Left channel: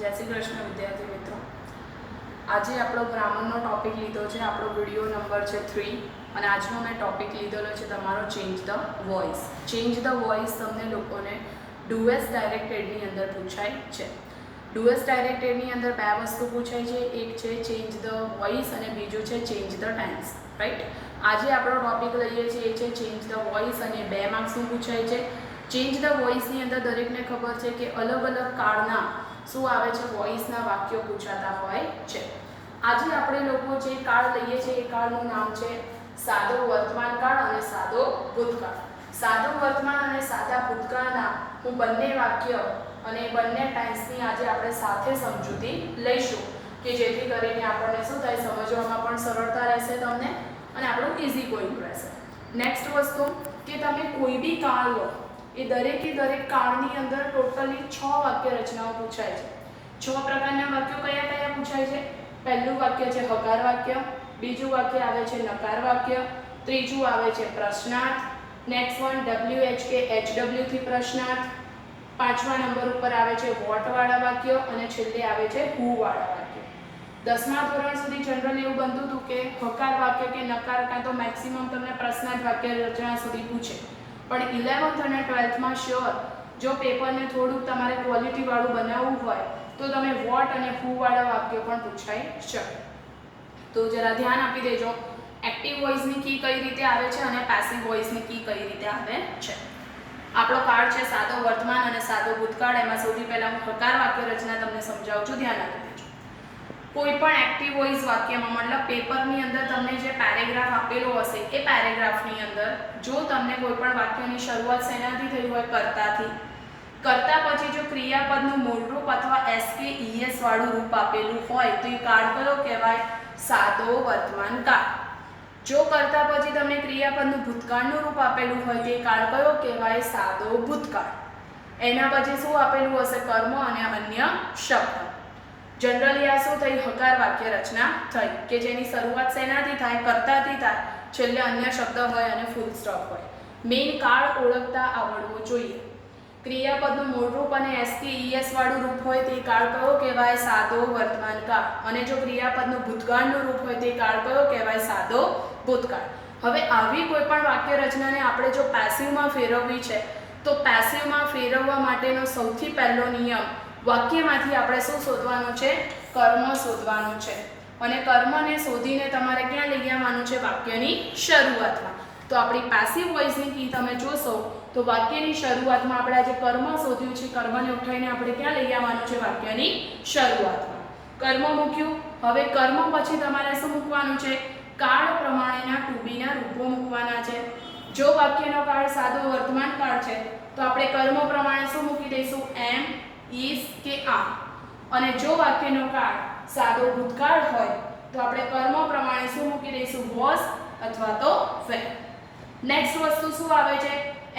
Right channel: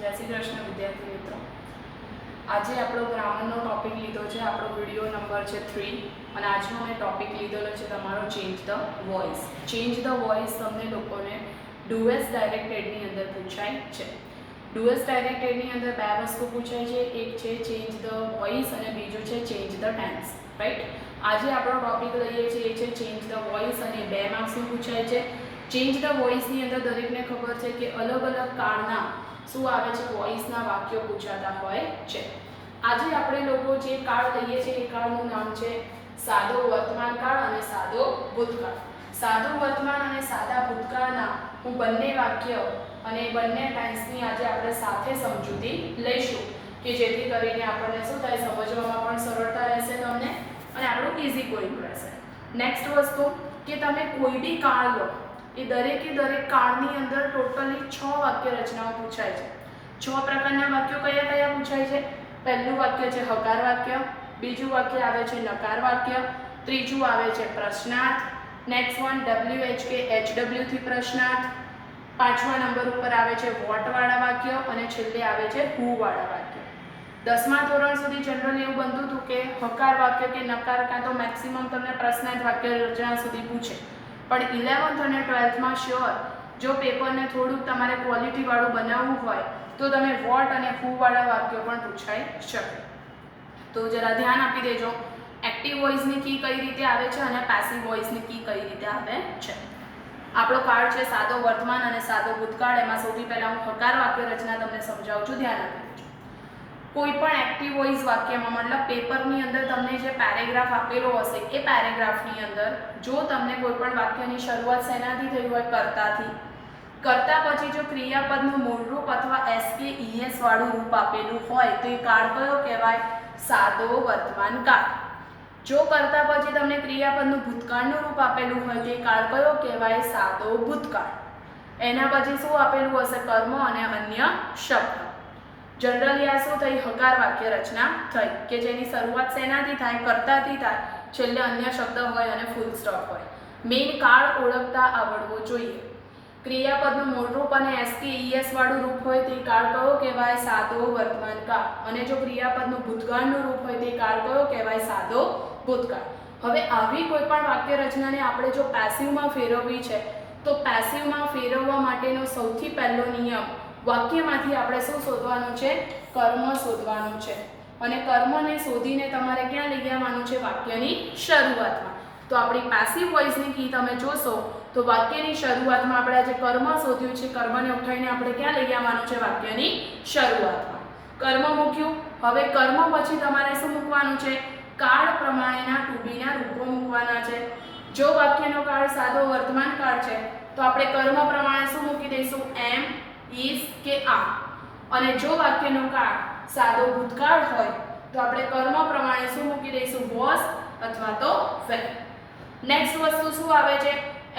जय श्री कृष्ण विद्यार्थी मित्रों। आज આપણો ગ્રામરનો ટોપિક લીધો છે, આપણો વિડિયો નંબર છે 3 અને આજનો મેં ટોપિક લીધેલો છે તમારો change the voice. Change the voice તમને લોકોને ડુએસ ડાયરેક્ટેડની અંદર પૂછાય છે. ડુએસ ડાયરેક્ટેડની અંદર બે વસ્તુ પૂછાય છે, એક છે ચેન્જ ધ વોઇસ અને બીજું છે ચેન્જ ધ ટેન્સ, રાઈટ. આજે આપણો ટોપિક લઈએ છીએ એ છે ચેન્જ ધ વોઇસ અને 2 માર્ક્સનું પૂછાય છે. ચેન્જ ધ વોઇસની અંદર દરેકને ખબર છે કે અલગ અલગ કાળના શું આવે છે વોઇસના વાક્યો પૂછાતા હોય છે. આજે આપણે લોકો જે કાળ લઈએ છીએ એ કાળનું નામ છે સાદો વર્તમાન કાળ અને સાદો ભૂતકાળ. સાદો વર્તમાન અને સાદા ભૂતકાળના હું બંને વાક્ય અને બંને ટેન્સની આજે આપણે સાથે સમજૂતી લઈશું કે જેથી કરીને આપણને શું થાય, સમજવામાં પણ સરળતા રહેશે તમને અને આપણું ઇઝી ગોઈંગ રહેશે. નેક્સ્ટ વસ્તુ કે તમે કોઈ બી કાળ લો એ દરેકે દરેક કાળની અંદર ટોટલી 6 વાક્ય રચનાઓ પૂછાય છે. 6 પ્રકારના વાક્યો કયા કયા પૂછાય છે? પહેલું વાક્ય છે હકાર વાક્ય, બીજું વાક્ય આવે છે નકાર વાક્ય, ત્રીજું આવે છે પ્રશ્નાર્થ, નેક્સ્ટ વન WH કે HW થી પ્રશ્નાર્થ, પાંચમા નંબર ઉપર આવે છે વોટ વાળા વાક્ય અને છેલ્લે આવે છે હુ વાળા વાક્ય. 10મા ધોરણ સુધી જનરલી એવું બનતું હતું કે હકાર વાક્ય કે નકાર કાં તો મેક્સિમમ તમને પ્રશ્નાર્થ વાક્ય રચના સુધી પૂછે, પણ 11th અને 12thમાં શ્યોર જો પેપરને થોડુંક તમારે ક્વોલિટી વાળું બનાવવું હોય તો તમે વોટ અને હુ વાળા વાક્યો પણ પૂછાઈ શકે. તો જરા ધ્યાન આપી દેજો. એક્ટિવ વોઇસની કી કઈ રીતે આવે છે અને પેસિવ વોઇસની કી કઈ રીતે આવે છે. આપણો કાળ છે સાદો વર્તમાન અને સાદો ભૂતકાળ. એમાં સૌથી પહેલા હું હકાર વાક્ય રચના તમને સમજાવું છું, ધ્યાન આપી દેજો. કોઈ પણ એક્ટિવ વોઇસ વાક્યમાં મતલબ પેપરની અંદર તમને જે પેરેગ્રાફ આપેલો હશે એ પેરેગ્રાફની અંદર જો તમને કોઈ પણ વાક્યની શરૂઆત શેનાથી થઈ હોય, કર્તાથી, કર્તા પછી જો ક્રિયાપદનું મૂળરૂપ અથવા એસ કે ઈએસ વાળું રૂપ આપેલું હોય તો એ કાળ કયો કહેવાય? સાદો વર્તમાન કાળ. જો કર્તા પછી તમને ક્રિયાપદનું ભૂતકાળનું રૂપ આપેલું હોય તો એ કાળ કયો કહેવાય? સાદો ભૂતકાળ. એના પછી શું આપેલું હશે? કર્મ અને અન્ય શબ્દ. જનરલી આ શું થઈ? હકાર વાક્ય રચના થઈ કે જેની શરૂઆત શેનાથી થાય? કર્તાથી થાય, છેલ્લે અન્ય શબ્દ હોય અને ફૂલ સ્ટોપ હોય. મેઇન કાળ ઓળખતા આવડવો જોઈએ. ક્રિયાપદનું મૂળરૂપ અને એસ કે ઈએસ વાળું રૂપ હોય તે કાળ કયો કહેવાય? સાદો વર્તમાન કાળ. અને જો ક્રિયાપદનું ભૂતકાળનું રૂપ હોય તે કાળ કયો કહેવાય? સાદો ભૂતકાળ. હવે આવી કોઈ પણ વાક્ય રચનાને આપણે જો પેસિવમાં ફેરવવી છે તો પેસિવમાં ફેરવવા માટેનો સૌથી પહેલો નિયમ, વાક્યમાંથી આપણે શું શોધવાનું છે? કર્મ શોધવાનું છે. અને કર્મને શોધીને તમારે ક્યાં લઈ આવવાનું છે? વાક્યની શરૂઆતમાં. તો આપણી પેસિવ વોઇસની કી તમે જોશો તો વાક્યની શરૂઆતમાં આપણે આજે કર્મ શોધ્યું છે, કર્મને ઉઠાવીને આપણે ક્યાં લઈ આવવાનું છે? વાક્યની શરૂઆતમાં. કર્મ મૂક્યું. હવે કર્મ પછી તમારે શું મૂકવાનું છે? કાળ પ્રમાણેના ટુ બીના રૂપો મૂકવાના છે. જો વાક્યનો કાળ સાદો વર્તમાન કાળ છે તો આપણે કર્મ પ્રમાણે શું મૂકી દઈશું? એમ, ઇઝ કે આ. અને જો વાક્યનો કાળ સાદો ભૂતકાળ હોય તો આપણે કર્મ પ્રમાણે શું મૂકી દઈશું? વોઝ અથવા તો વેર. નેક્સ્ટ વસ્તુ શું આવે છે?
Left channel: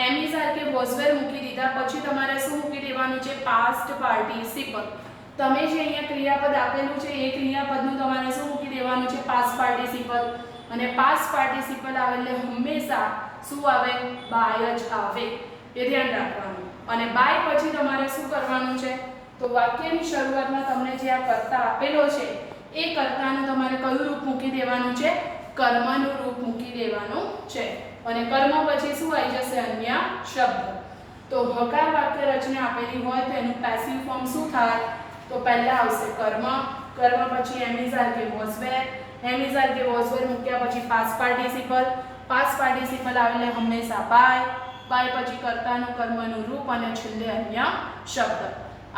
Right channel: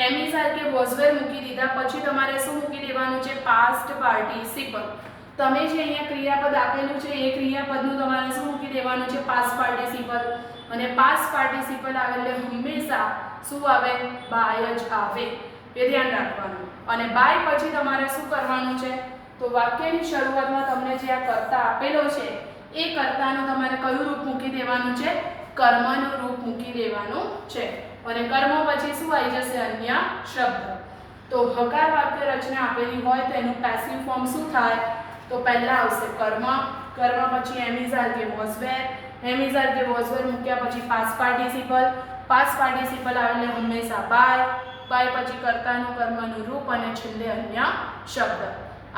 એમ ઇઝ આર કે વોઝ વેર મૂકી દીધા પછી તમારે શું મૂકી દેવાનું છે? Past participle. તમે જે અહીંયા ક્રિયાપદ આપેલું છે એ ક્રિયાપદનું તમારે શું મૂકી દેવાનું છે? Past participle. અને પાસ્ટ પાર્ટિસિપલ આવે એટલે હંમેશા શું આવે? બાય જ આવે, એ ધ્યાન રાખવાનું. અને બાય પછી તમારે શું કરવાનું છે? તો વાક્યની શરૂઆતમાં તમને જે આ કર્તા આપેલો છે એ કર્તાનું તમારે કયું રૂપ મૂકી દેવાનું છે? કર્મનું રૂપ મૂકી દેવાનું છે. અને કર્મ પછી શું આવી જશે? અન્ય શબ્દ. તો હકાર વાક્ય રચના આપેલી હોય તો એનું પેસિવ ફોર્મ શું થાય? તો પહેલા આવશે કર્મ, કર્મ પછી એમ ઇઝ આર કે was were, am is are કે વોઝ વેર મૂક્યા પછી પાસ્ટ પાર્ટિસિપલ, પાસ્ટ પાર્ટિસિપલ આવે એટલે હંમેશા બાય, બાય પછી કર્તાનું કર્મનું રૂપ અને છેલ્લે અન્ય શબ્દ.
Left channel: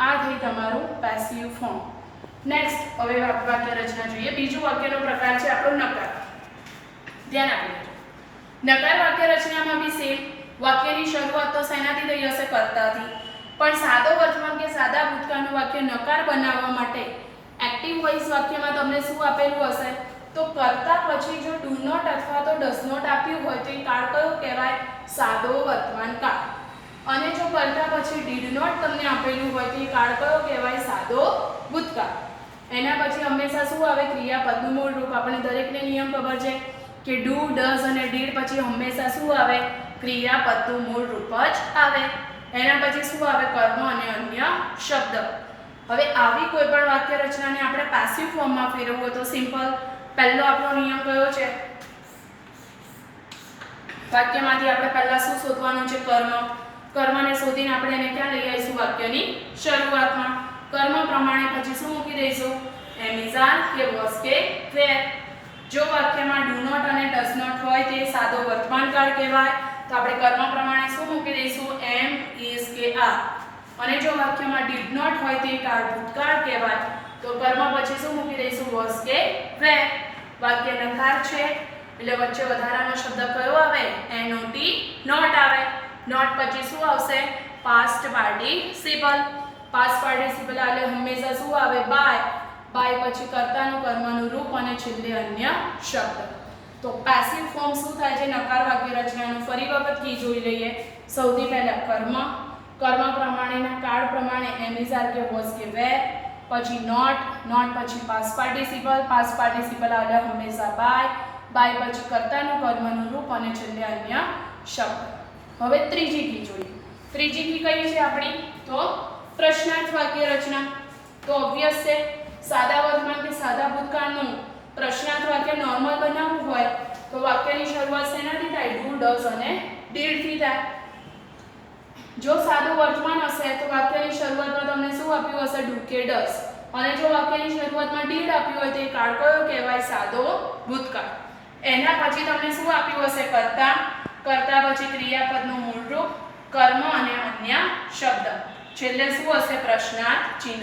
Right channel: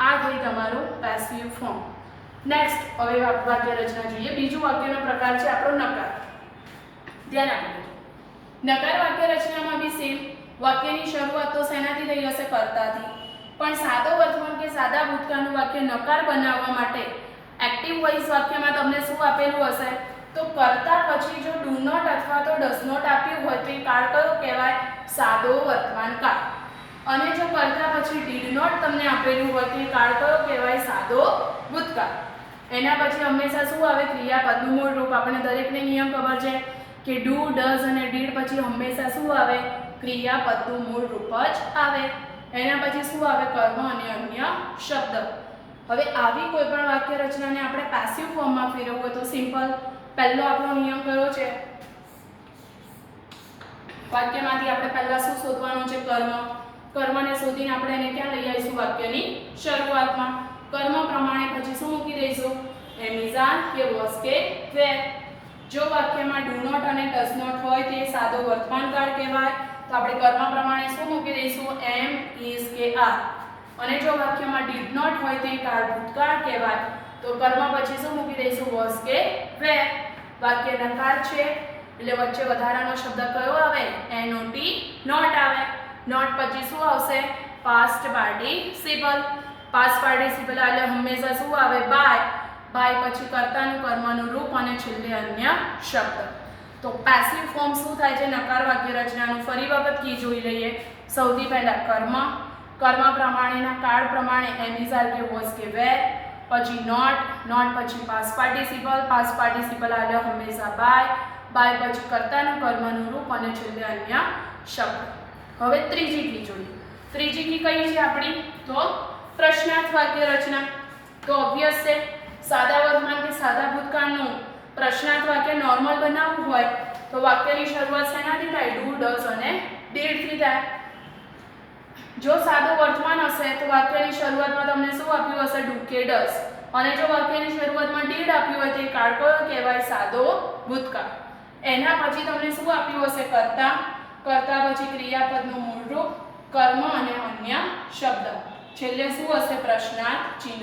આ થઈ તમારું પેસિવ ફોર્મ. નેક્સ્ટ હવે વાક્ય રચના જોઈએ. બીજું વાક્યનો પ્રકાર છે આપણો નકાર. ધ્યાન આપજો. નકાર વાક્ય રચનામાં બી સેમ. વાક્યની શરૂઆત તો શેનાથી થઈ હશે? કર્તાથી. પણ સાદો વર્તમાન કે સાદા ભૂતકાળનું વાક્ય નકાર બનાવવા માટે એક્ટિવ વોઇસ વાક્યમાં તમને શું આપેલું હશે? તો કર્તા પછી જો ડુ નોટ અથવા તો ડઝ નોટ આપ્યું હોય તો એ કાળ કયો કહેવાય? સાદો વર્તમાન કાળ. અને જો કર્તા પછી ડીડ નોટ તમને આપેલું હોય તો એ કાળ કયો કહેવાય? સાદો ભૂતકાળ. એના પછી હંમેશા શું આવે? ક્રિયાપદનું મૂળ રૂપ. આપણે દરેકને નિયમ ખબર છે કે ડુ, ડઝ અને ડીડ પછી હંમેશા શું આવે? ક્રિયાપદનું મૂળ રૂપ જ આવે. એના પછી શું આવે? કર્મ અને અન્ય શબ્દ. હવે આવી કોઈ પણ વાક્ય રચનાને આપણે પેસિવ ફોર્મમાં ફેરવવું હોય તો સિમ્પલ પહેલો આપણો નિયમ કયો છે? વાક્યમાંથી આપણે પહેલા શું શોધવાનું છે? કર્મને શોધીને આપણે એને ક્યાં લઈ આવીશું? વાક્યની શરૂઆતમાં. કર્મ પ્રમાણે પછી શું મૂકી દઈશું? એમ ઇઝ આર કે વોઝ કે વેર. જો વાક્યમાં ડુ નોટ અને ડઝ નોટ હોય તે સાદો વર્તમાન કાળ કહેવાય તો આપણે કર્મ પ્રમાણે શું મૂકી દઈશું? એમ ઇઝ કે આર. અને જો વાક્યમાં ડીડ નોટ હોય તે કાળ ભૂતકાળ કહેવાય તો કર્મ પછી શું મૂકી દઈશું? વોઝ કે વેર. વાક્ય નકાર છે એટલે વચ્ચે વધારાનો શબ્દ કયો આવે? NOT નોટ આવે. નોટ પછી શું આવશે? Past participle. પાસ્ટ પાર્ટિસિપલ એટલે હંમેશા શું આવે? બાય. બાય પછી કર્તાનું કર્મનું રૂપ અને છેલ્લે અન્ય શબ્દ. તો પેસિવ ફોર્મ શું થાય છે નકાર વાક્ય રચનાનું? ફરી વખત કી જોઈ લઈએ. સૌથી પહેલા કર્મ પ્રમાણેના કાળ પ્રમાણે એમ ઇઝ આર કે વોઝ કે વેર. પછી નોટ પછી પાસ્ટ પાર્ટિસિપલ એટલે હંમેશા બાય પછી કર્તાનું કર્મનું રૂપ અને છેલ્લે અન્ય શબ્દ. હવે ત્રીજી કી જોઈએ. ત્રીજી કી કઈ છે આપણી? તો પ્રશ્નાર્થ વાક્ય રચના. તો ઓબ્વિયસ છે સાદા વર્તમાન કે સાદા ભૂતકાળનું પ્રશ્નાર્થ વાક્ય નોર્મલ બનાવવું હોય તો વાક્યની શરૂઆત શેનાથી થાય? ડુ, ડઝ અને ડીડ થી થાય. જો સાદું વર્તમાન હશે તો વાક્યની શરૂઆતમાં તમને શું આપ્યું હશે? ડુ કે ડઝ. અને જો વાક્યની શરૂઆતમાં ડીડ આપ્યું હોય તો એ કાળ કયો કહેવાય? સાદો ભૂતકાળ. એના પછી તમને શું આપ્યું હશે? કર્તા પછી ક્રિયાપદનું મૂળ રૂપ, કર્મ અને અન્ય શબ્દ. છેલ્લે શું હશે? પ્રશ્નાર્થ ચિહ્ન.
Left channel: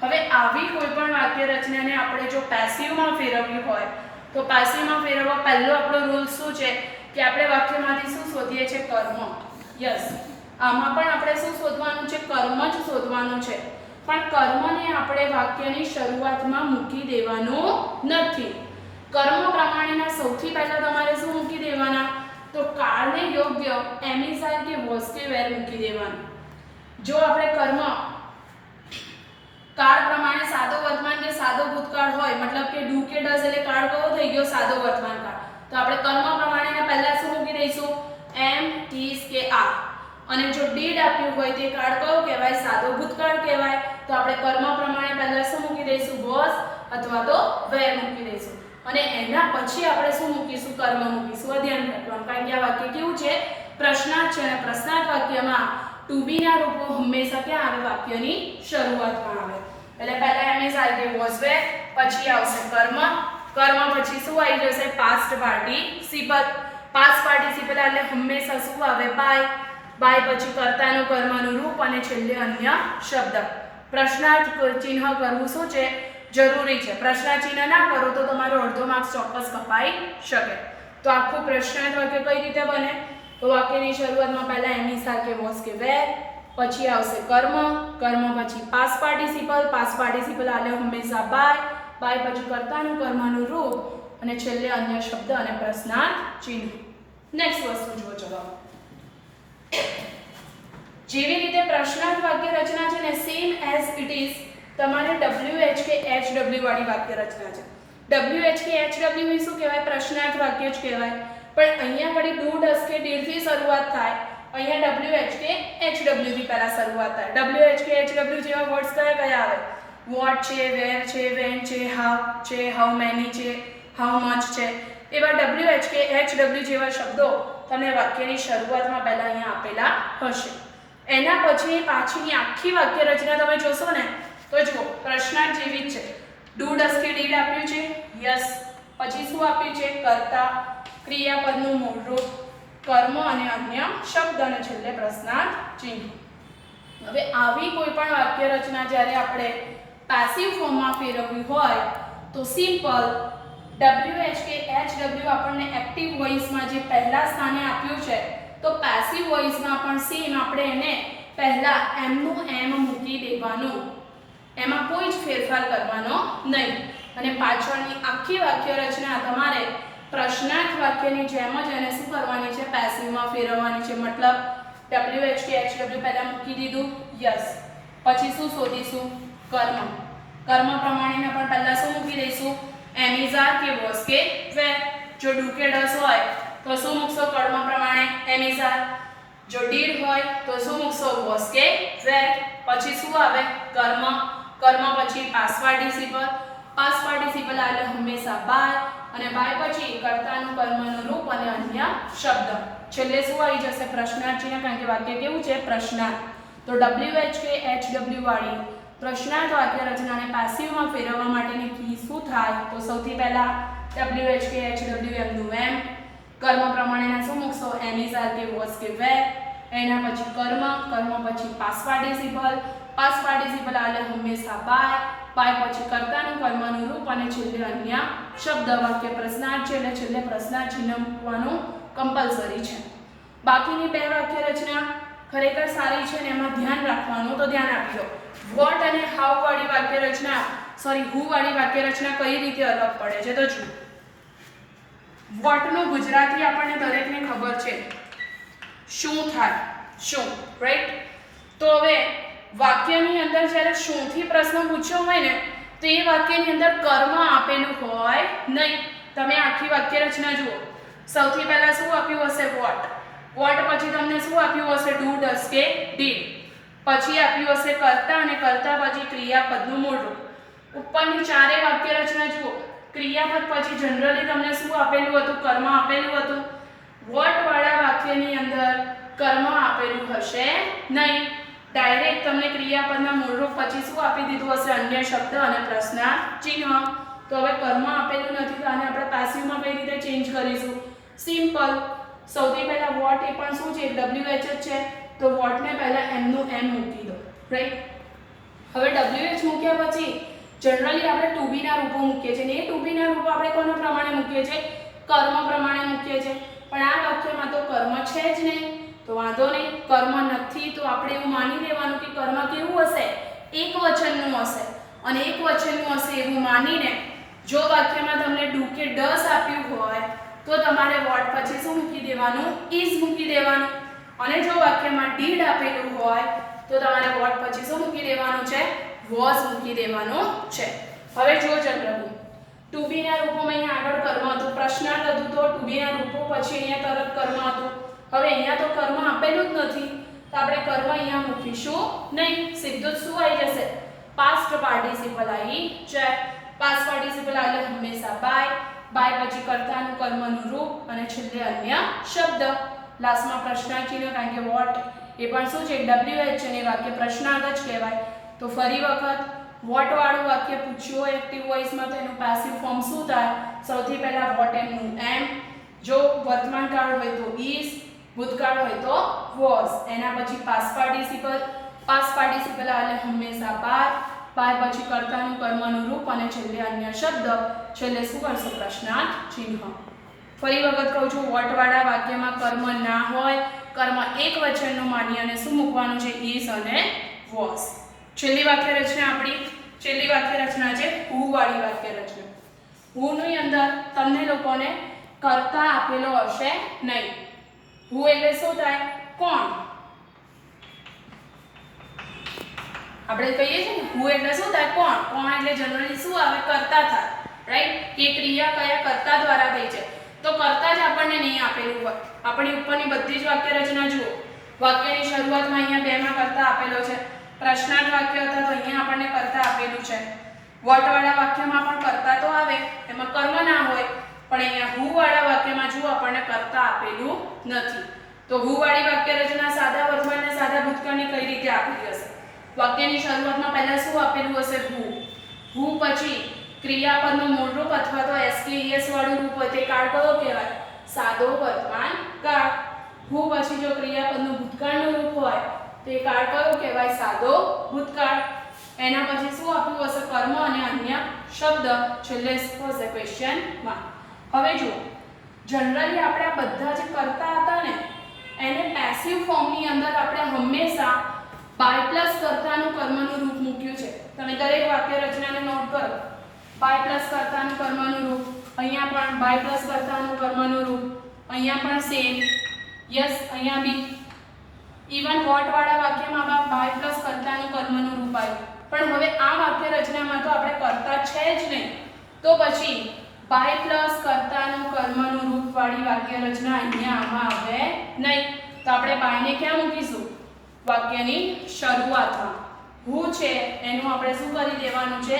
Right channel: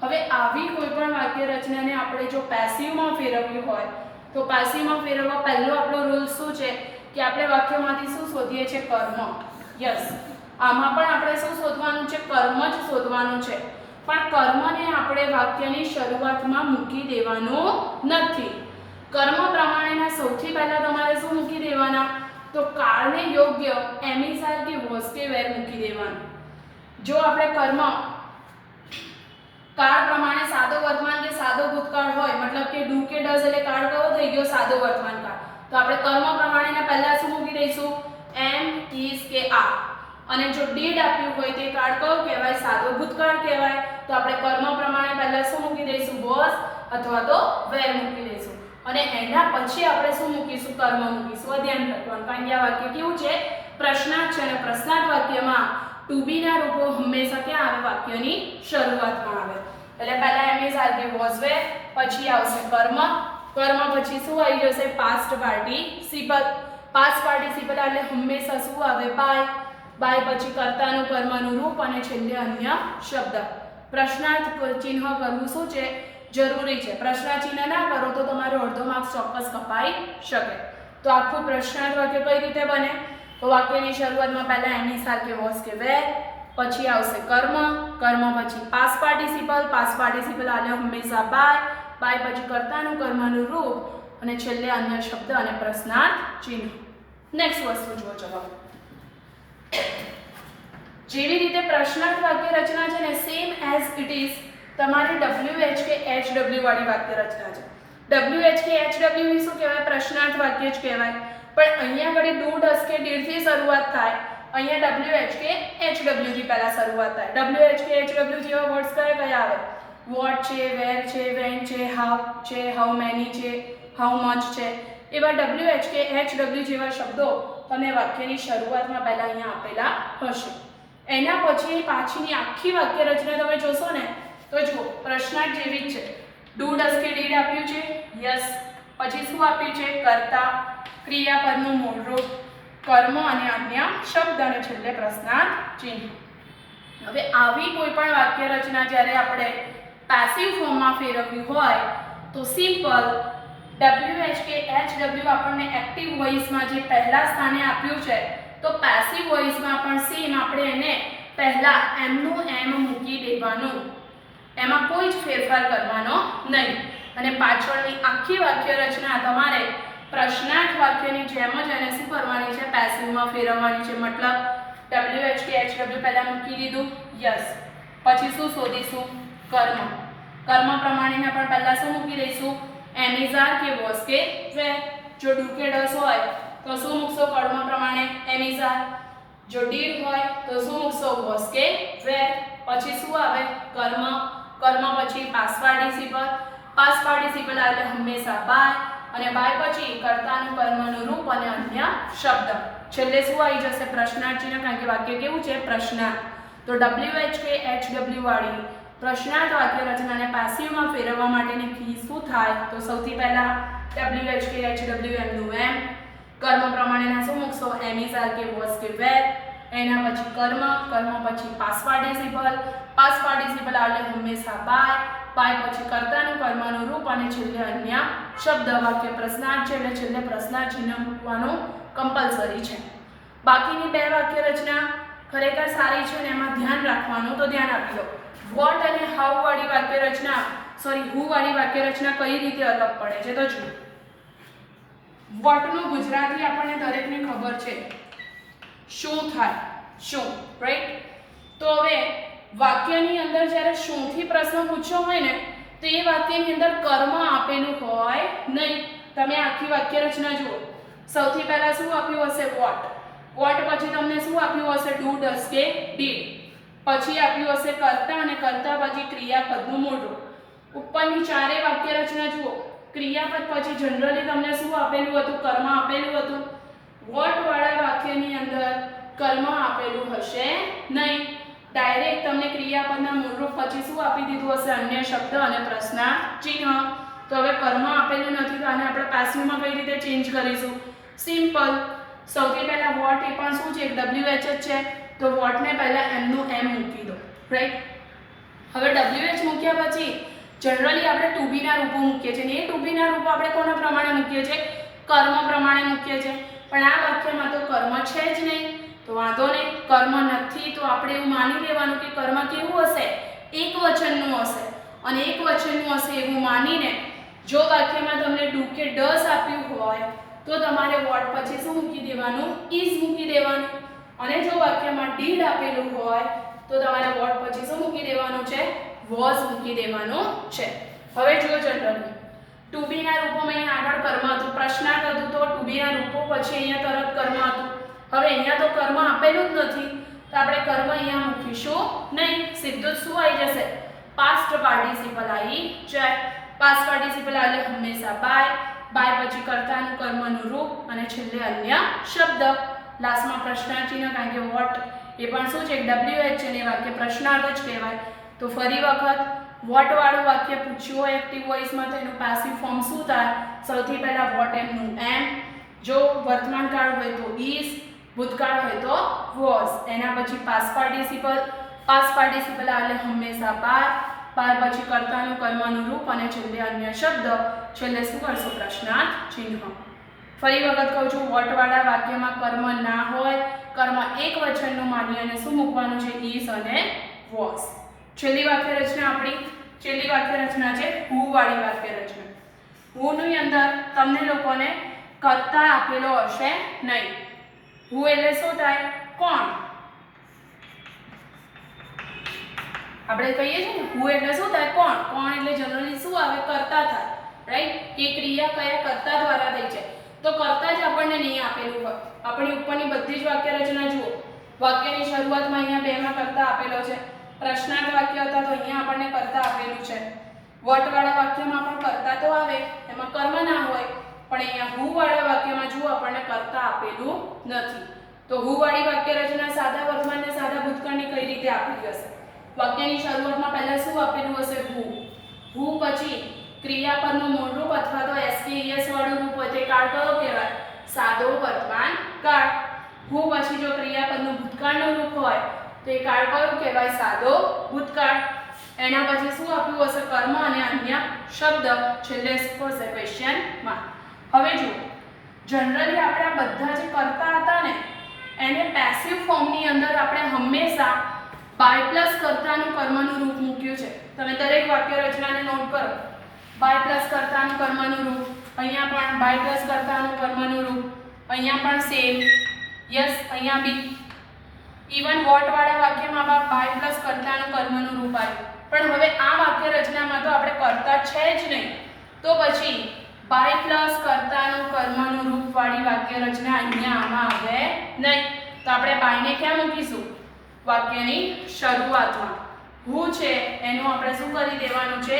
હવે આવી કોઈ પણ વાક્ય રચનાને આપણે જો પેસિવમાં ફેરવવી હોય તો પેસિવમાં ફેરવવા પહેલો આપણો રૂલ શું છે કે આપણે વાક્યમાંથી શું શોધીએ છીએ? કર્મ. યસ, આમાં પણ આપણે શું શોધવાનું છે? કર્મ જ શોધવાનું છે. પણ કર્મને આપણે વાક્યની શરૂઆતમાં મૂકી દેવાનું નથી. કર્મ પ્રમાણેના સૌથી પહેલા તમારે શું મૂકી દેવાના? તો કાળને યોગ્ય એમ ઇઝ આર કે વોઝ કે વેર મૂકી દેવાનું. જો આપણે કર્મ કાળ પ્રમાણે સાદો વર્તમાન કે સાદો ભૂતકાળ હોય મતલબ કે ડુ કે ડઝ એટલે કાળ કયો થઈ ગયો? સાદો વર્તમાન કાળ. તો આપણે કર્મ પ્રમાણેના પહેલા શું મૂકી દઈશું? એમ ઇઝ કે આર. અને જો ડીડ આપ્યું હોય તે કાળ કયો કહેવાય? સાદો ભૂતકાળ કહેવાય. તો આપણે કર્મ પ્રમાણે પહેલા શું મૂકી દઈશું? વોઝ અથવા તો વેર મૂકી દઈશું. અને એના પછી આપણે શું મૂકીશું? કર્મ મૂકીશું. ધ્યાન રાખવાનું કારણ કે આ વાક્ય કેવું છે? પ્રશ્નાર્થ છે અને પ્રશ્નાર્થ વાક્યમાં ટુ બી ના રૂપો હંમેશા ક્યાં આવે? વાક્યની શરૂઆતમાં આવે. એટલે પહેલા એમ ઇઝ આર કે વોઝ વેર, પછી આવશે કર્મ પછી શું આવી જશે? પાસ્ટ પાર્ટિસિપલ એટલે હંમેશા શું આવે? બાય પછી કર્તાનું કર્મનું રૂપ અને છેલ્લે અન્ય શબ્દ. પ્રશ્નાર્થ ચિહ્ન કરવું શું છે? જરૂરી છે. પ્રશ્નાર્થ ચિહ્ન ના કરો તો તમારો અડધો માર્ક્સ ચોક્કસ કપાઈ શકે. તો આખું પ્રશ્નાર્થ વાક્ય કઈ રીતે બને? તો વાક્યની શરૂઆતમાં પહેલા એમ ઇઝ આર કે વોઝ કે વેર, પછી આવશે કર્મ પછી પાસ્ટ પાર્ટિસિપલ એટલે હંમેશા બાય પછી કર્તાનું કર્મનું રૂપ અને છેલ્લે અન્ય શબ્દ અને પ્રશ્નાર્થ ચિહ્ન. નેક્સ્ટ વસ્તુ જુઓ. ચલો, જેવી રીતે પ્રશ્નાર્થ વાક્ય રચના છે ને સેમ એઝ ઇટ ઇઝ તમારે WH કે HW વાળી વાક્ય રચના છે. WH કે HW ની શું કહેવાય? પ્રશ્નાર્થ વાક્ય જ કહેવાય. પણ અહીંયા ઘડી ડુ, ડઝ કે ડીડ થી શરૂઆત થાય. અહીંયા WH કે HW થી પહેલા શરૂઆત થાય. WH કે HW જેવા વર્ડ્સ કયા આવે? વોટ છે, વેર છે, વેન છે, હાઉ છે, હાઉ મેની છે, હાઉ મચ છે. એવા WH કે HW જેવા શબ્દો તમને વાક્યની શરૂઆતમાં પહેલા અહીંયા આપેલા હશે. એના પછી પાછળની આખી વાક્ય રચના તમે જોશો ને તો જુઓ પ્રશ્નાર્થ જેવી જ છે. ડુ, ડઝ કે ડીડ આપ્યું છે? યસ. પછી શું આપ્યું છે? કર્તા, ક્રિયાપદનું મૂળરૂપ, કર્મ અને અન્ય શબ્દ અને છેલ્લે પ્રશ્નાર્થ ચિહ્ન. હવે આવી કોઈ પણ વાક્ય રચના જ્યારે આપણે પેસિવ ફોર્મમાં ફેરવવી હોય તો સિમ્પલ WH કે HW આપણને એક્ટિવ વોઇસમાં જે પહેલા સ્થાને આપ્યું છે તો પેસિવ વોઇસમાં પણ સેમ આપણે એને પહેલા એમનું એમ મૂકી દેવાનું. એમાં કોઈ જ ફેરફાર કરવાનો નહીં. અને પાછળની આખી વાક્ય રચના તમારે પ્રશ્નાર્થ વાક્યની જેમ જ એને શું કરવાની છે? પેસિવમાં ફેરવવાની છે. મતલબ WH કે HW પહેલા મૂકી દીધું. યસ. પછી શું શોધીશું? કર્મ પ્રમાણેના પણ પહેલા શું મૂકી દઈશું? એમ ઇઝ આર કે વોઝ કે વેર. જો ડુ કે ડઝ હોય તો શું મૂકશો? કર્મ પ્રમાણે એમ ઇઝ આર. જો ડીડ હોય તો શું મૂકશો? વોઝ કે વેર. પછી શું આવે કર્મ, કર્મ પછી પાસ્ટ પાર્ટિસિપલ, પાસ્ટ પાર્ટિસિપલ એટલે હંમેશા બાય, અને બાય પછી કર્તાનું કર્મનું રૂપ અને અન્ય શબ્દ. છેલ્લે શું આવી જશે પ્રશ્નાર્થ ચિહ્ન, કારણ કે વાક્ય કેવું છે પ્રશ્નાર્થ. તો WHKHW વાળી પ્રશ્નાર્થ વાક્ય રચનાને પેસિવમાં ફેરવવા માટેની કી શું થાય? તો સૌથી પહેલા WHKHW એમનું એમ, કર્મ પ્રમાણેના શું મૂકશો એમ ઇઝ આર કે વોઝ કે વેર, એના પછી કર્મ, કર્મ પછી પાસ્ટ પાર્ટિસિપલ, પાસ્ટ પાર્ટિસિપલ એટલે હંમેશા બાય, બાય પછી કર્તાનું કર્મનું રૂપ અને છેલ્લે અન્ય શબ્દ. વાક્ય પ્રશ્નાર્થ છે એટલે છેલ્લે પ્રશ્નાર્થ ચિહ્ન મૂકવાનું કમ્પલસરી છે. બાકીની બે વાક્ય રચના ખરેખર સારી છે ને એમાં ધ્યાન રાખવાનું, તો ધ્યાન આપજો. વોટ અને હાઉ વાળી વાક્ય રચના હુ વાળી વાક્ય રચના કઈ રીતે અલગ પડે છે? તો જુઓ, વોટ નું ગુજરાતી આપણને દરેકને ખબર છે શું થાય, શું, રાઈટ? તો હવે વાક્યની અંદર જ્યારે શું થી પ્રશ્ન પૂછ્યો હોય ને તો એ વાક્યની અંદર કર્મ આપેલું હોય નહીં. તમે આખી વાક્ય રચના જુઓ, સૌથી પહેલા શું આપ્યું હશે વોટ, વોટ પછી તમને શું આપ્યું હશે ડુ, ડઝ કે ડીડ, પછી આપ્યું હશે કર્તા અને કર્તા પછી ક્રિયાપદનું મૂળ રૂપ. ઉપરની ચારે વાક્ય રચના જુઓ, ક્રિયાપદ પછી જનરલી તમને શું આપેલું હતું? કર્મ આપેલું હતું. વોટ વાળા વાક્યની અંદર કર્મ આપેલું હશે નહીં, ડાયરેક્ટ તમને ક્રિયાપદના મૂળરૂપ પછી શું આપી દીધું હશે? અન્ય શબ્દ અને પ્રશ્નાર્થ ચિહ્ન. તો હવે કર્મ આપેલું નથી તો આને આપણે પેસિવમાં કઈ રીતે ચેન્જ કરીશું? સિમ્પલ. સૌથી પહેલા વોટ એ પણ શું છે? WH જ છે, તો વોટને પહેલા એમનું એમ મૂકી દો, રાઈટ? હવે WH મૂક્યા પછી જનરલી આપણે ટુ બી ના રૂપો મૂકીએ છીએ, ને એ ટુ બી ના રૂપો આપણે કોના પ્રમાણે મૂકીએ છીએ? કર્મ પ્રમાણે મૂકીએ છીએ. પણ આ વાક્યમાં તો કર્મ છે જ નહીં, તો વાંધો નહીં. કર્મ નથી તો આપણે એવું માની લેવાનું કે કર્મ કેવું હશે? એક વચનનું હશે, અને એક વચનનું હશે એવું માનીને જો વાક્યમાં તમને ડુ કે ડઝ આપ્યું હોય તો તમારે વોટ પછી શું મૂકી દેવાનું? ઇઝ મૂકી દેવાનું. અને જો વાક્યમાં ડીડ આપેલું હોય તો તમારે વોટ પછી શું મૂકી દેવાનું છે? વોઝ મૂકી દેવાનું છે. હવે જો જનરલી ટુ બી ના રૂપોમાં અહીંયા આગળ કર્મ હતું, પ્રશ્નાર્થ હતું, તો ટુ બી ના રૂપો પછી અહીંયા તરત કર્મ હતું. હવે અહીંયા તો કર્મ આપેલું જ નથી તો આપણે કર્મ અહીંયા મૂકીશું નહીં, સીધું જ શું આવી જશે? પાસ્ટ પાર્ટિસિપલ આવી જાય. પાસ્ટ પાર્ટિસિપલ એટલે હંમેશા બાય, બાય પછી કર્તાનું કર્મનું રૂપ અને છેલ્લે અન્ય શબ્દ. લાસ્ટમાં પ્રશ્નાર્થ ચિહ્ન, કારણ કે વોટ એ પણ શું છે? WH છે ને વાક્ય પ્રશ્નાર્થ જ કહેવાય. તો ફરી વખત વોટ વાળું વાક્ય પૂછ્યું હોય એક્ટિવ વોઇસમાં તો એનું પેસિવ ફોર્મ શું થાય? સૌથી પહેલા વોટ એમનું એમ, જો વર્તમાન કાળ હોય તો ઇઝ, ભૂતકાળ હોય તો વોઝ, એના પછી પાસ્ટ પાર્ટિસિપલ, પાસ્ટ પાર્ટિસિપલ એટલે હંમેશા બાય, બાય પછી કર્તાનું કર્મનું રૂપ અને છેલ્લે અન્ય શબ્દ. છેલ્લે શું કરશો? પ્રશ્નાર્થ ચિહ્ન. ફરી વખત કહું છું, વોટ વાળા વાક્યમાં કર્મ ના હોય, કર્મ એક વચનનું માની અને શું મૂકવાનું છે? ઇઝ અને વોઝ. છેલ્લી વાક્ય રચના આપણી છેલ્લી વાક્ય રચના છે હુ વાળી વાક્ય રચના. હુ ની અંદર તમને લોકોને કર્તા આપેલો હશે નહીં. હુ એટલે શું થાય? કોણ. આપણે કહીએ છીએ ને હુ એટલે શું થાય? કોણ. કોણ એટલે જનરલી શું આવે? કર્તા થાય, રાઈટ? કે ક્રિયા કયા કર્તા દ્વારા થઈ છે, તો કર્તા જ આપણને નહીં આપેલું હોય. આપણી ઉપરની બધી જ વાક્ય રચના જુઓ, વાક્યની શરૂઆતમાં અહીંયા બે માં કર્તા આપેલો છે. પ્રશ્નાર્થ વાક્ય હતા તો અહીંયા આપણને કર્તા આપેલું છે. વોટ વાળા વાક્યમાં પણ કર્તા તો આવે, એમાં કર્મ ના હોય, પણ અહીંયા હુ વાળા વાક્યમાં જો આપણને કર્તા આપેલું નથી. તો હુ વાળી વાક્ય રચના સાદા વર્તમાન અને સાદા ભૂતકાળની કઈ રીતે આપેલી હશે? વાક્યની શરૂઆતમાં પહેલા શું આપેલું હશે? હુ. હુ પછી ક્રિયાપદનું મૂળ રૂપ અથવા તો SKES વાળું રૂપ હોય તે કાળ કયો કહેવાય? સાદો વર્તમાન કાળ. હુ પછી જો ક્રિયાપદનું ભૂતકાળનું રૂપ હોય તો એ કાળ કયો કહેવાય? સાદો ભૂતકાળ. એના પછી શું આપ્યું હશે? કર્મ અને અન્ય શબ્દ. છેલ્લે શું હશે? Question mark. હવે જો જનરલી આપણે આ બધા જે કરતા હતા ને એને પેસિવ ફોર્મની અંદર આપણે હંમેશા બાય પ્લસ કર્તાનું કર્મનું રૂપ મૂક્યું છે. તમે દરેક વાક્ય રચનાને નોટ કરો. બાય પ્લસ કર્તાનું કર્મનું રૂપ, અહીંયા પણ બાય પ્લસ કર્તાનું કર્મનું રૂપ, અહીંયા પણ સેમ. યસ, અહીંયા બી ઇવન વોટ વાળા વાક્યમાં બાય પ્લસ કર્તાનું કર્મનું રૂપ આવ્યું. પણ હવે આ વાક્ય રચનામાં તો આપણે કર્તા છે જ નહીં, તો પછી બાય પ્લસ કર્તાનું કર્મનું રૂપ વાળી વાક્ય રચના અહીંયા આમાં આવે નહીં. તો આપણે બાયને ક્યાં મૂકીશું? વાક્યની શરૂઆતમાં. who છે એનું આપણે શું કરી દેવાનું છે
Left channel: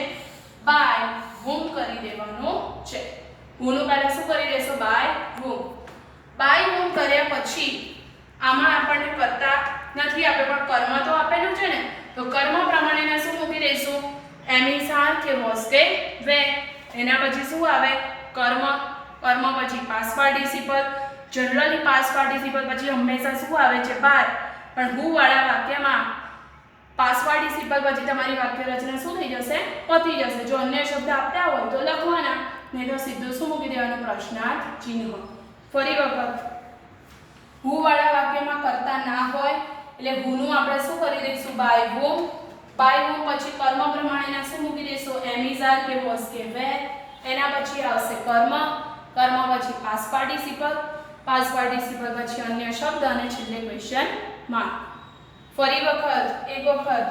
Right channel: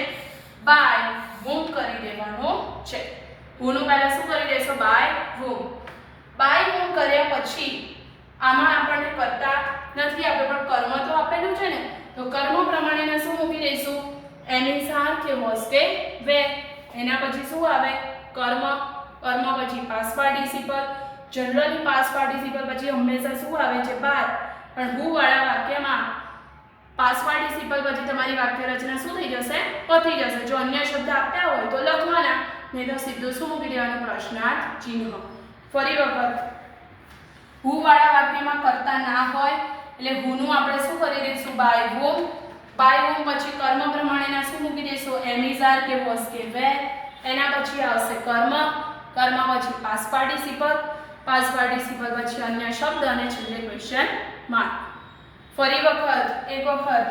by whom કરી દેવાનું છે who નું પહેલા શું કરી દેશો by whom કર્યા પછી આમાં આપણને કરતા નથી આપણે પણ કર્મ તો આપેલું છે ને તો કર્મ પ્રમાણેના શું મૂકી દઈશું am is are કે was કે were એના પછી શું આવે કર્મ પછી past participle generally past participle પછી હંમેશા શું આવે છે by પણ who વાળા વાક્યમાં past participle પછી તમારી વાક્ય રચના શું થઈ જશે પતી જશે જો અન્ય શબ્દ આપતા હોય તો લખવાના નહીં તો સીધું શું મૂકી દેવાનું પ્રશ્નાર્થ ચિહ્ન ફરી વખત who વાળા વાક્યમાં કરતા ના હોય એટલે who નું આપણે શું કરી દઈશું by whom પછી કર્મ પ્રમાણેના શું મૂકી દઈશું am is are કે was કે were એના પછી આવશે કર્મ પછી past participle પછી અન્ય શબ્દ અને છેલ્લે ક્વેશ્ચન માર્ક ફરી વખત એક વખત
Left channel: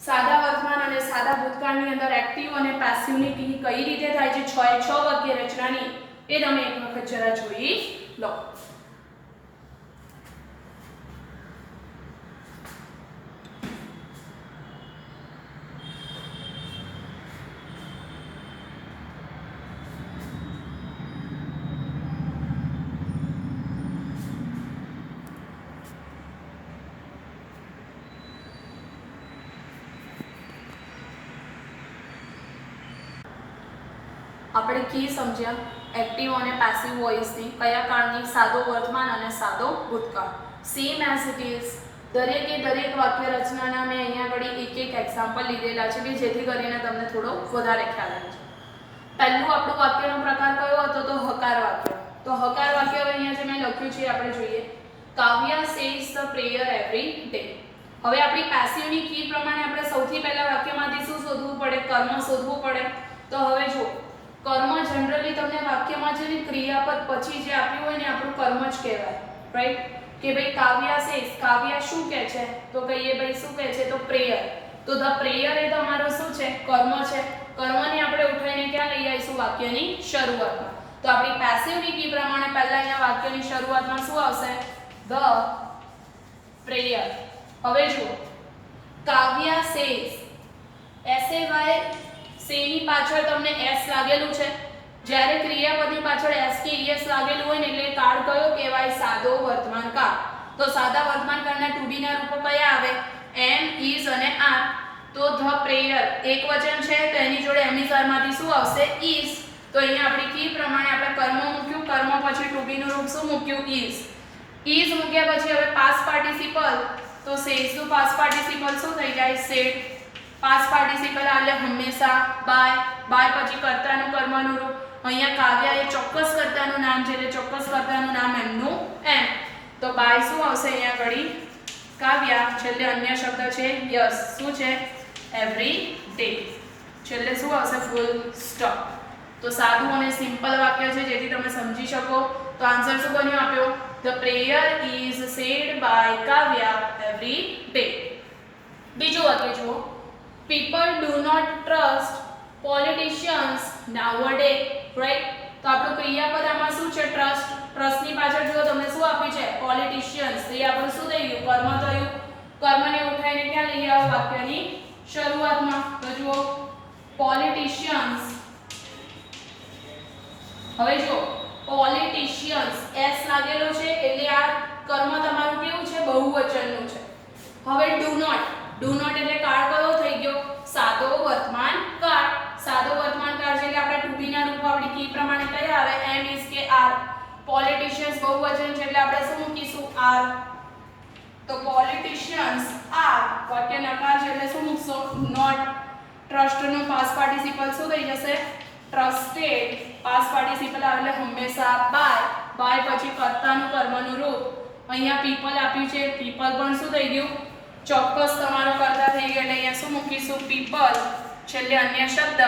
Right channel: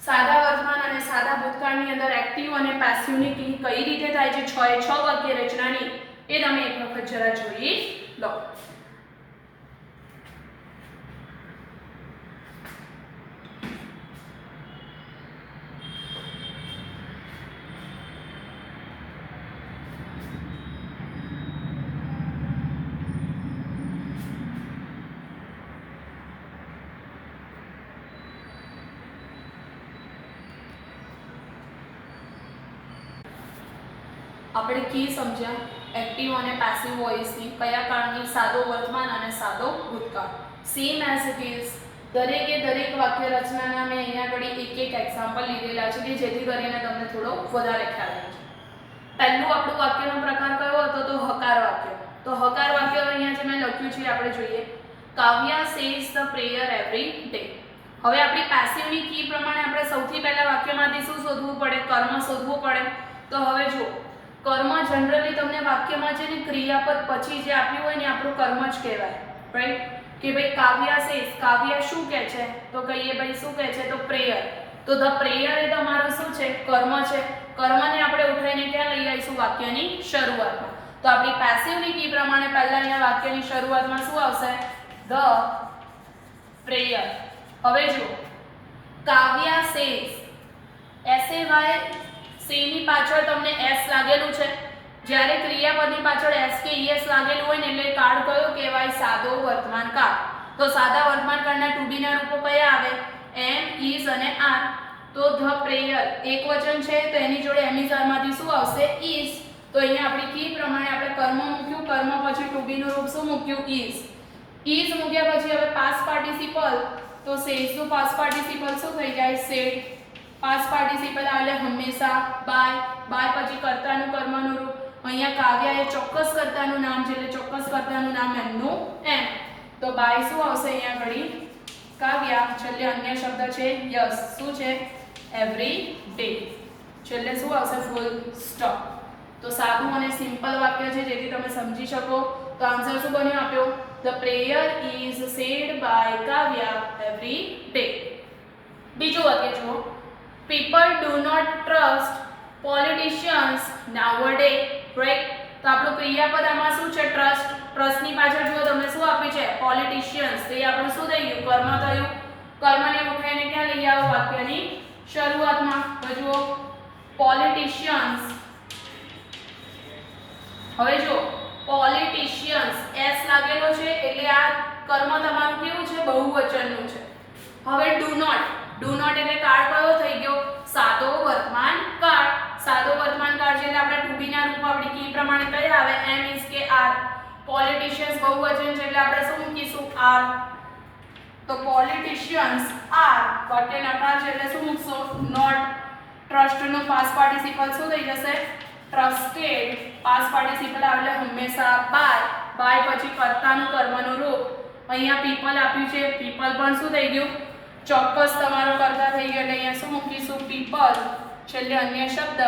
સાદા વર્તમાન અને સાદા ભૂતકાળની અંદર એક્ટિવ અને પેસિવની કઈ રીતે થાય છે 6 એ 6 વાક્ય રચનાની એ તમે એક વખત જરા જોઈ લો આપણે કી સમજ્યા એક્ટિવ અને પેસિવ વોઇસની કયા કાળની સાદો વર્તમાન અને સાદો ભૂતકાળ સેમ એઝ ઇટ ઇઝ દરેક વાક્ય રચનાના મેં અહીંયા આગળ એક એક્ઝામ્પલ લીધેલા છે કે જેથી કરીને તમને થોડો વધારે ખ્યાલ આવે છે પહેલું આપણું વાક્યનો પ્રકાર કયો હતો તો હકાર વાક્ય તો હકાર વાક્ય અહીંયા જે મેં લખ્યું છે આપણે જોઈએ Kavya says the prayer every day હવે આપણી પેસિવની કી પ્રમાણે આપણે સૌથી પહેલા વાક્યમાંથી શું શોધવું પડે કર્મ શોધવું પડે તો હવે જો કર્મ જનરલી તમને વાક્યમાં જે ક્રિયાપદ પછી જે આપ્યું હોય ને આપણું કર્મ જ કહેવાય રાઈટ કે ભાઈ કાવ્યા સેઝ કાવ્ય શું કહે છે તો કહીએ ભાઈ શું કહે છે તો પ્રેયર તો ધ પ્રેયર એ તમારું શું છે કર્મ છે કર્મને આપણે ઉઠાઈને ક્યાં લઈ આવીશું વાક્યની શરૂઆતમાં તો આપણી પેસિવની કી પ્રમાણે પહેલા અહીંયા વાક્યની શરૂઆતમાં શું આવશે ધ પ્રેયર હવે જો કાવ્યા સેઝ એસએવાય સેની પાછળ તમને s લાગેલું છે જ્યારે ક્રિયાપદની પાછળ s કે es લાગેલું હોય ને એટલે કાળ કયો કહેવાય સાદો વર્તમાન કાળ તો સાદા વર્તમાન કાળના to be ના રૂપો કયા આવે am is અને are તો ધ પ્રેયર એકવચન છે તો એની જોડે am is are માંથી શું આવશે is તો અહીંયા આપણી કી પ્રમાણે આપણે કર્મ મૂક્યું કર્મ પછી to be નું રૂપ શું મૂક્યું is મૂક્યા પછી હવે past participle તો says નું past participle શું થઈ જાય said past participle એટલે હંમેશા by પછી કર્તાનું કર્મનું રૂપ અહીંયા કાવ્યા એ ચોક્કસ કર્તાનું નામ છે એટલે ચોક્કસ કર્તાનું નામ એમનું એમ તો by શું આવશે અહીંયા ઘડી કાવ્યા છેલ્લે અન્ય શબ્દ છે યસ શું છે એવરી ડે છેલ્લે શું આવશે ફૂલ સ્ટોપ તો સાદું અને સિમ્પલ વાક્ય છે જેથી તમે સમજી શકો તો આન્સર શું બન્યો આપ્યો the prayer is said by Kavya every day બીજું વાક્ય જુઓ people do not trust politicians nowadays right તો આપણું ક્રિયાપદ આમાં શું છે ટ્રસ્ટ ની પાછળ જુઓ તમને શું આપ્યું છે પોલિટિશિયન્સ તો એ આપણું શું થઈ ગયું કર્મ થયું કર્મને ઉઠાઈને ક્યાં લઈ આવો વાક્યની શરૂઆતમાં તો જુઓ પોલિટિશિયન્સ હવે જો પોલિટિશિયન્સ s લાગેલો છે એટલે આ કર્મ તમારું કેવું છે બહુવચનનું છે હવે ડુ નોટ એટલે કાળ કયો થઈ ગયો સાદો વર્તમાન કાળ છે એટલે આપણે to be ના રૂપ આપણી કી પ્રમાણે કયા આવે am is કે are પોલિટિશિયન્સ બહુવચન છે એટલે આપણે શું મૂકીશું are તો પોલિટિશિયન્સ are વાક્ય નકાર છે એટલે શું મૂકશો not trust no past participle શું થઈ જશે trusted past participle આવે એટલે હંમેશા by પછી કર્તાનું કર્મનું રૂપ અહીંયા people આપ્યું છે people પણ શું થઈ ગયું ચોક્કસ તમારો કરતા થઈ ગયો એટલે અહીંયા શું મૂકીશું people છેલ્લે અન્ય શબ્દ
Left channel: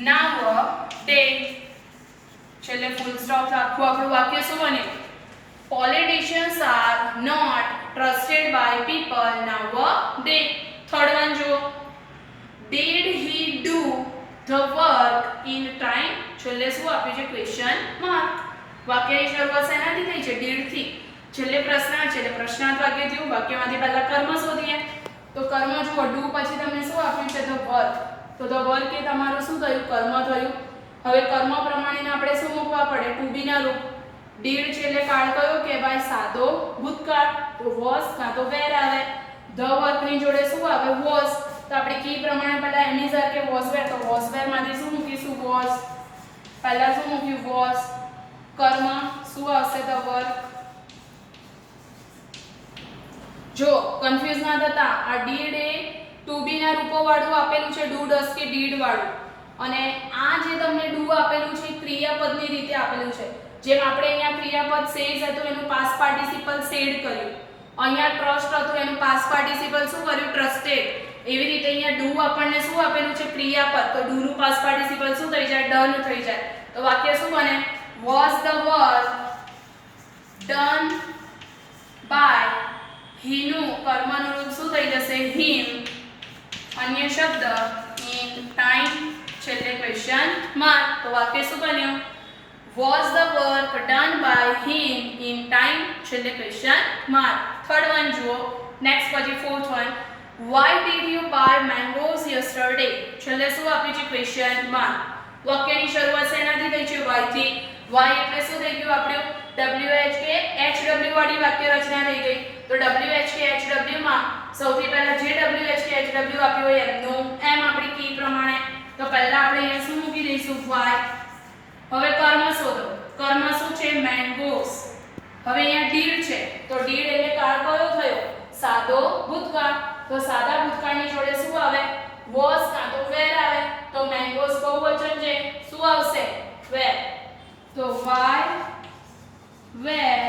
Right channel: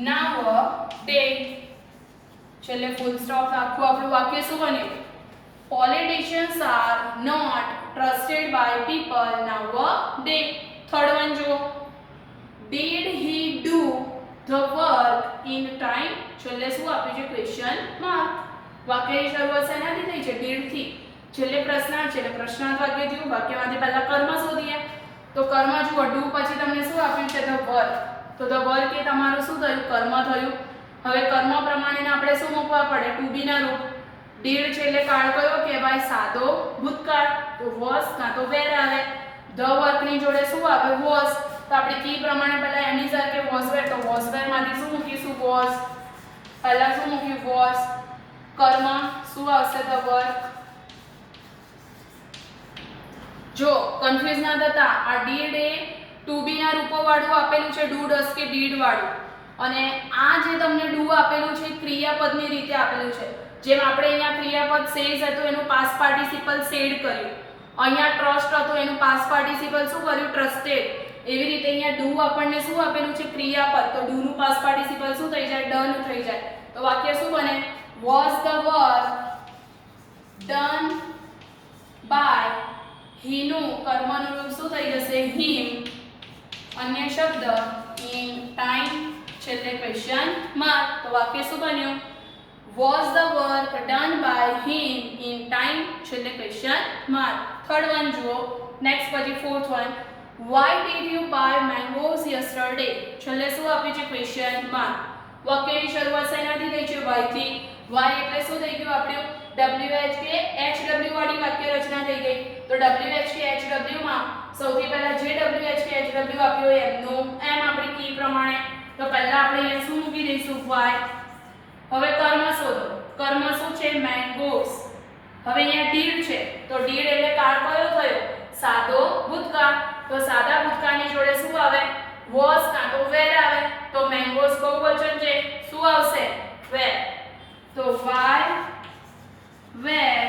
now day છેલ્લે ફૂલ સ્ટોપ રાખવું આપણું વાક્ય શું બને politicians are not trusted by people nowadays third one જો did he do the work in time છેલ્લે શું આપ્યું છે ક્વેશ્ચન માર્ક વાક્યની શરૂઆત શેનાથી થઈ છે did થી છેલ્લે પ્રશ્નાર્થ છે એટલે પ્રશ્નાર્થ વાક્ય થયું વાક્યમાંથી પહેલા કર્મ શોધીએ તો કર્મ જુઓ ડુ પછી તમને શું આપ્યું છે ધ વર્ક, તો ધ વર્ક એ તમારું શું થયું કર્મ થયું. હવે કર્મ પ્રમાણે આપણે શું મૂકવા પડે ટુ બી ના રૂપ. ડીડ છે એટલે કાળ કયો કહેવાય સાદો ભૂતકાળ, તો વોઝ કાં તો વેર આવે. ધ વર્ક ની જોડે શું આવે વોઝ, તો આપણે કી પ્રમાણે પહેલા એની સાથે વોઝ વેર, તો વોઝ વેર માંથી શું મૂકીશું વોઝ, પહેલા શું મૂક્યું વોઝ. કર્મ શું આવશે ધ વર્ક. જો કન્ફ્યુઝ ના થતા આ ડીડ એ ટુ બી ના રૂપો વાળું આપેલું છે ડુ ડસ કે ડીડ વાળું, અને આ જે તમને ડુ આપેલું છે ક્રિયાપદની રીતે આપેલું છે. જેમ આપણે અહીંયા ક્રિયાપદ સેઝ હતું એનું પાસ્ટ પાર્ટિસિપલ સેડ કર્યું, અહીંયા ટ્રસ્ટ હતું એનું પાસ્ટ પાર્ટિસિપલ શું કર્યું ટ્રસ્ટેડ. એવી રીતે અહીંયા ડુ આપણને શું આપેલું છે ક્રિયાપદ, તો ડુ નું પાસ્ટ પાર્ટિસિપલ શું થઈ જાય ડન થઈ જાય. તો વાક્ય શું બને was the work done by, he નું કર્મનું રૂપ શું થઈ જશે him, અન્ય શબ્દ in time છેલ્લે ક્વેશ્ચન માર્ક. તો વાક્ય શું બન્યું was the work done by him in time છેલ્લે ક્વેશ્ચન માર્ક. થર્ડ વન જુઓ નેક્સ્ટ પછી fourth one, why did you buy mangoes yesterday છેલ્લે શું આપ્યું છે ક્વેશ્ચન માર્ક. વાક્યની શરૂઆત શેનાથી થઈ છે why થી. why એટલે શું થઈ ગયું આપણું WH કે HW વાળી વાક્ય રચના થઈ ગઈ. તો WH કે HW માં સૌથી પહેલા જે WH કે HW આપ્યું હોય એમનું એમ આપણી કી પ્રમાણે, તો પહેલા આપણે અહીંયા શું મૂકી દઈશું y. હવે કર્મ શોધો, કર્મ શું છે મેંગોસ. હવે અહીંયા ડીડ છે તો ડીડ એટલે કાળ કયો થયો સાદો ભૂતકાળ, તો સાદા ભૂતકાળની જોડે શું આવે વોઝ કાં તો વેર આવે. તો મેંગોસ બહુવચન છે શું આવશે વેર, તો y વેર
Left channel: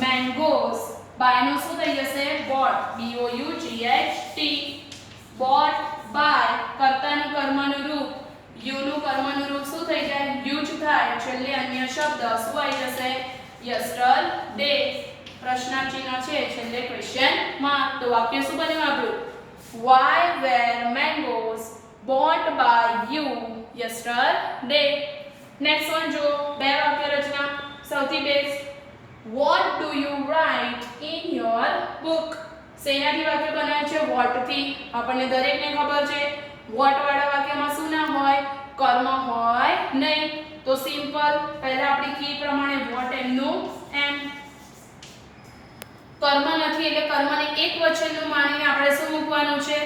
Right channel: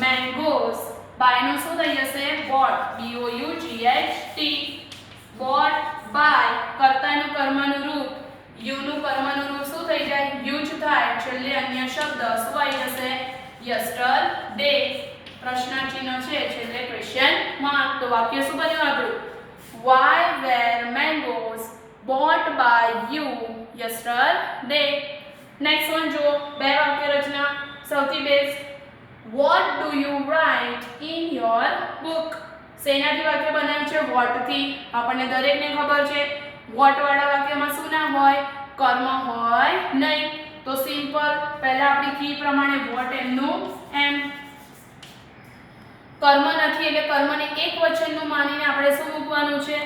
mangoes by નું શું થઈ જશે bought, BOUGHT, bought by કર્તાનું કર્મનું રૂપ, you નું કર્મનું રૂપ શું થઈ જાય યુઝ થાય, છેલ્લે અન્ય શબ્દ શું આવી જશે yesterday, પ્રશ્ન ચિહ્ન છે છેલ્લે ક્વેશ્ચન માર્ક. તો વાક્ય શું બન્યું આપણું why were mangoes bought by you yesterday. Next one જો બે વાક્ય રચના સૌથી best, what do you write in your book શેનાથી વાક્ય બનાવ્યું છે what થી. આપણને દરેકને ખબર છે what વાળા વાક્યમાં શું ના હોય કર્મ હોય નહીં, તો સિમ્પલ પહેલા આપણી કી પ્રમાણે what એમનું એમ. કર્મ નથી એટલે કર્મને એક વચનનું માનીને આપણે શું મૂકવાનું છે,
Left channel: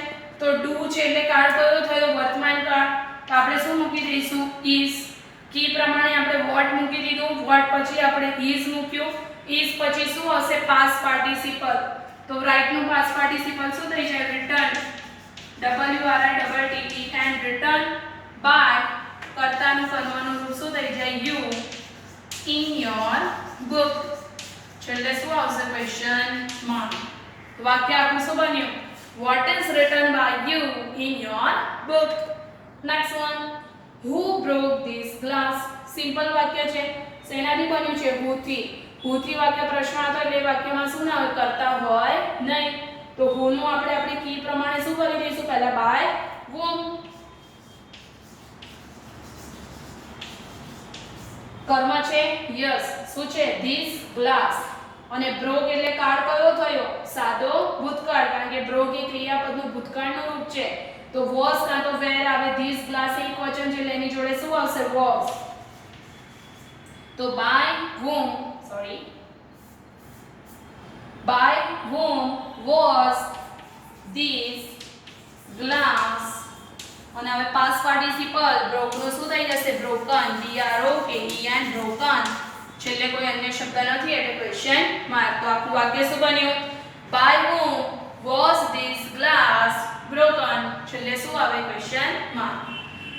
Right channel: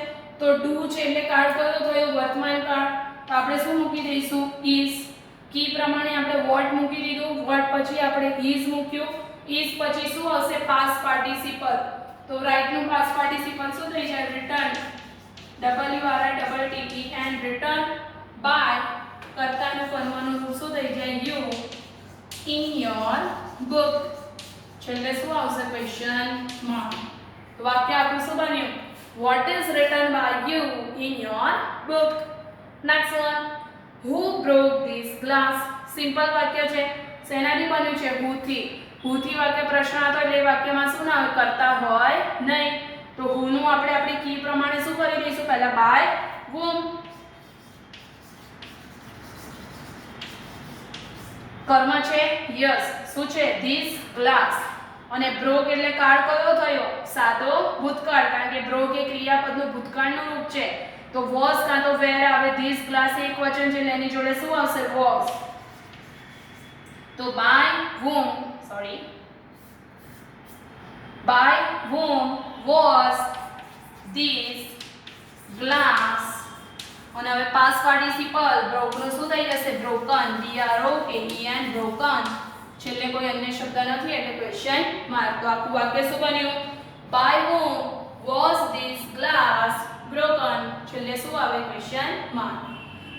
તો do છે એટલે કાળ કયો થયો વર્તમાન કાળ, તો આપણે શું મૂકી દઈશું is. કી પ્રમાણે આપણે what મૂકી દીધું, what પછી આપણે is મૂક્યું, is પછી શું હશે પાસ્ટ પાર્ટિસિપલ, તો રાઈટ નું પાસ્ટ પાર્ટિસિપલ શું થઈ જાય written, WRITTE and written by કર્તાનું કર્મનું રૂપ શું થઈ જાય you in your book, છેલ્લે શું આવશે ક્વેશ્ચન માર્ક. વાક્ય આપણું શું બન્યું what is written by you in your book. Next one, who broke this glass simple વાક્ય છે શેનાથી બન્યું છે who થી. who થી વાક્ય પ્રશ્ન હતો એટલે વાક્યમાં શું ના હોય કરતા હોય નહીં, તો who નું આપણે આપણી કી પ્રમાણે શું કરી દઈશું પહેલા by whom. કર્મ છે યસ, શું છે this glass, અને broke એટલે કાળ કયો થયો સાદો ભૂતકાળ, કારણ કે broke એ ક્રિયાપદનું ભૂતકાળનું રૂપ છે, તો was કાં તો where આવે. this glass એક વચન છે એટલે એની જોડે શું આવશે was, તો by whom was this glass, અને હવે પાસ્ટ પાર્ટિસિપલ broke નું શું થઈ જશે broken, BROKEN broken, છેલ્લે કોઈ અન્ય શબ્દ નથી એટલે ક્વેશ્ચન માર્ક. તો આખું વાક્ય શું બન્યું by whom was this glass broken, છેલ્લે શું આવે ક્વેશ્ચન માર્ક.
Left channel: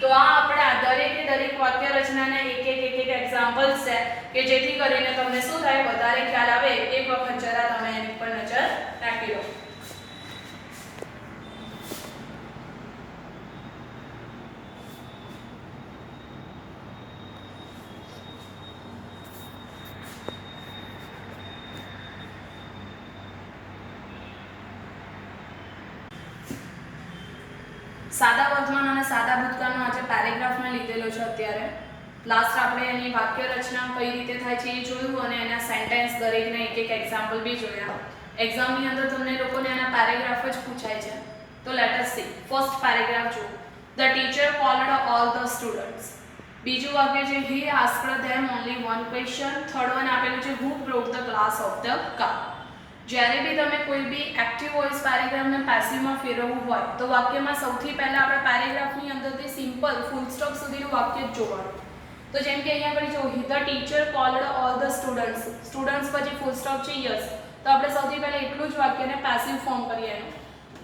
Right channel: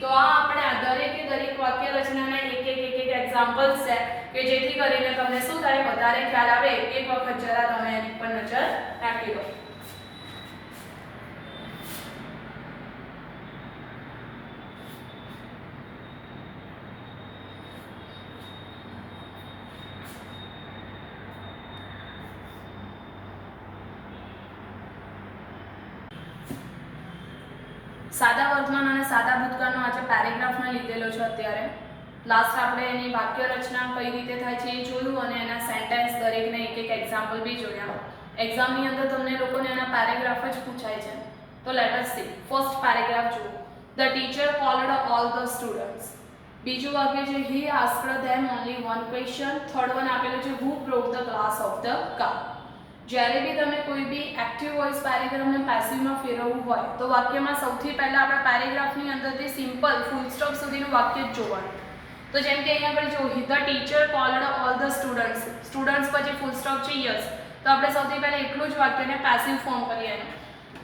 તો આ આપણે આ દરેક વાક્ય રચનાના એક એક્ઝામ્પલ્સ છે કે જેથી કરીને તમને શું થાય વધારે ખ્યાલ આવે. એક વખત જરા તમે એની પર નજર નાખી લો. સાદા વર્તમાન અને સાદા ભૂતકાળનો આજે પેરેગ્રાફને લીધેલો છે. અત્યારે લાસ્ટ આપણે એની વાક્ય રચના કઈ રીતે થાય છે એ જોયું અને એના સેન્ટેન્સ દરેકના એક એક્ઝામ્પલ બી જોયા. એક્ઝામની અંદર તમને લોકોને એના પેરેગ્રાફ જ પૂછાય છે. તો let us see. First paragraph જુઓ. The teacher called all the students. બીજું વાક્ય છે he asked them only one question. Third one આપેલું છે who broke the glass of the car. જ્યારે બી તમે કોઈ બી એક્ટિવ વોઇસ પેરેગ્રાફને પેસિવમાં ફેરવવું હોય તો વાક્યમાં સૌથી પહેલા આપણે પેરેગ્રાફની અંદરથી સિમ્પલ ફૂલ સ્ટોપ સુધીનું વાક્ય જ જોવાનું. તો જેમ કે અહીંયા આગળ જો the teacher called all the students, students પછી ફૂલ સ્ટોપ છે યસ, તો આપણે સૌથી પહેલા એટલું જ વાક્યને પેસિવ ફોર્મ કરીએ એનું.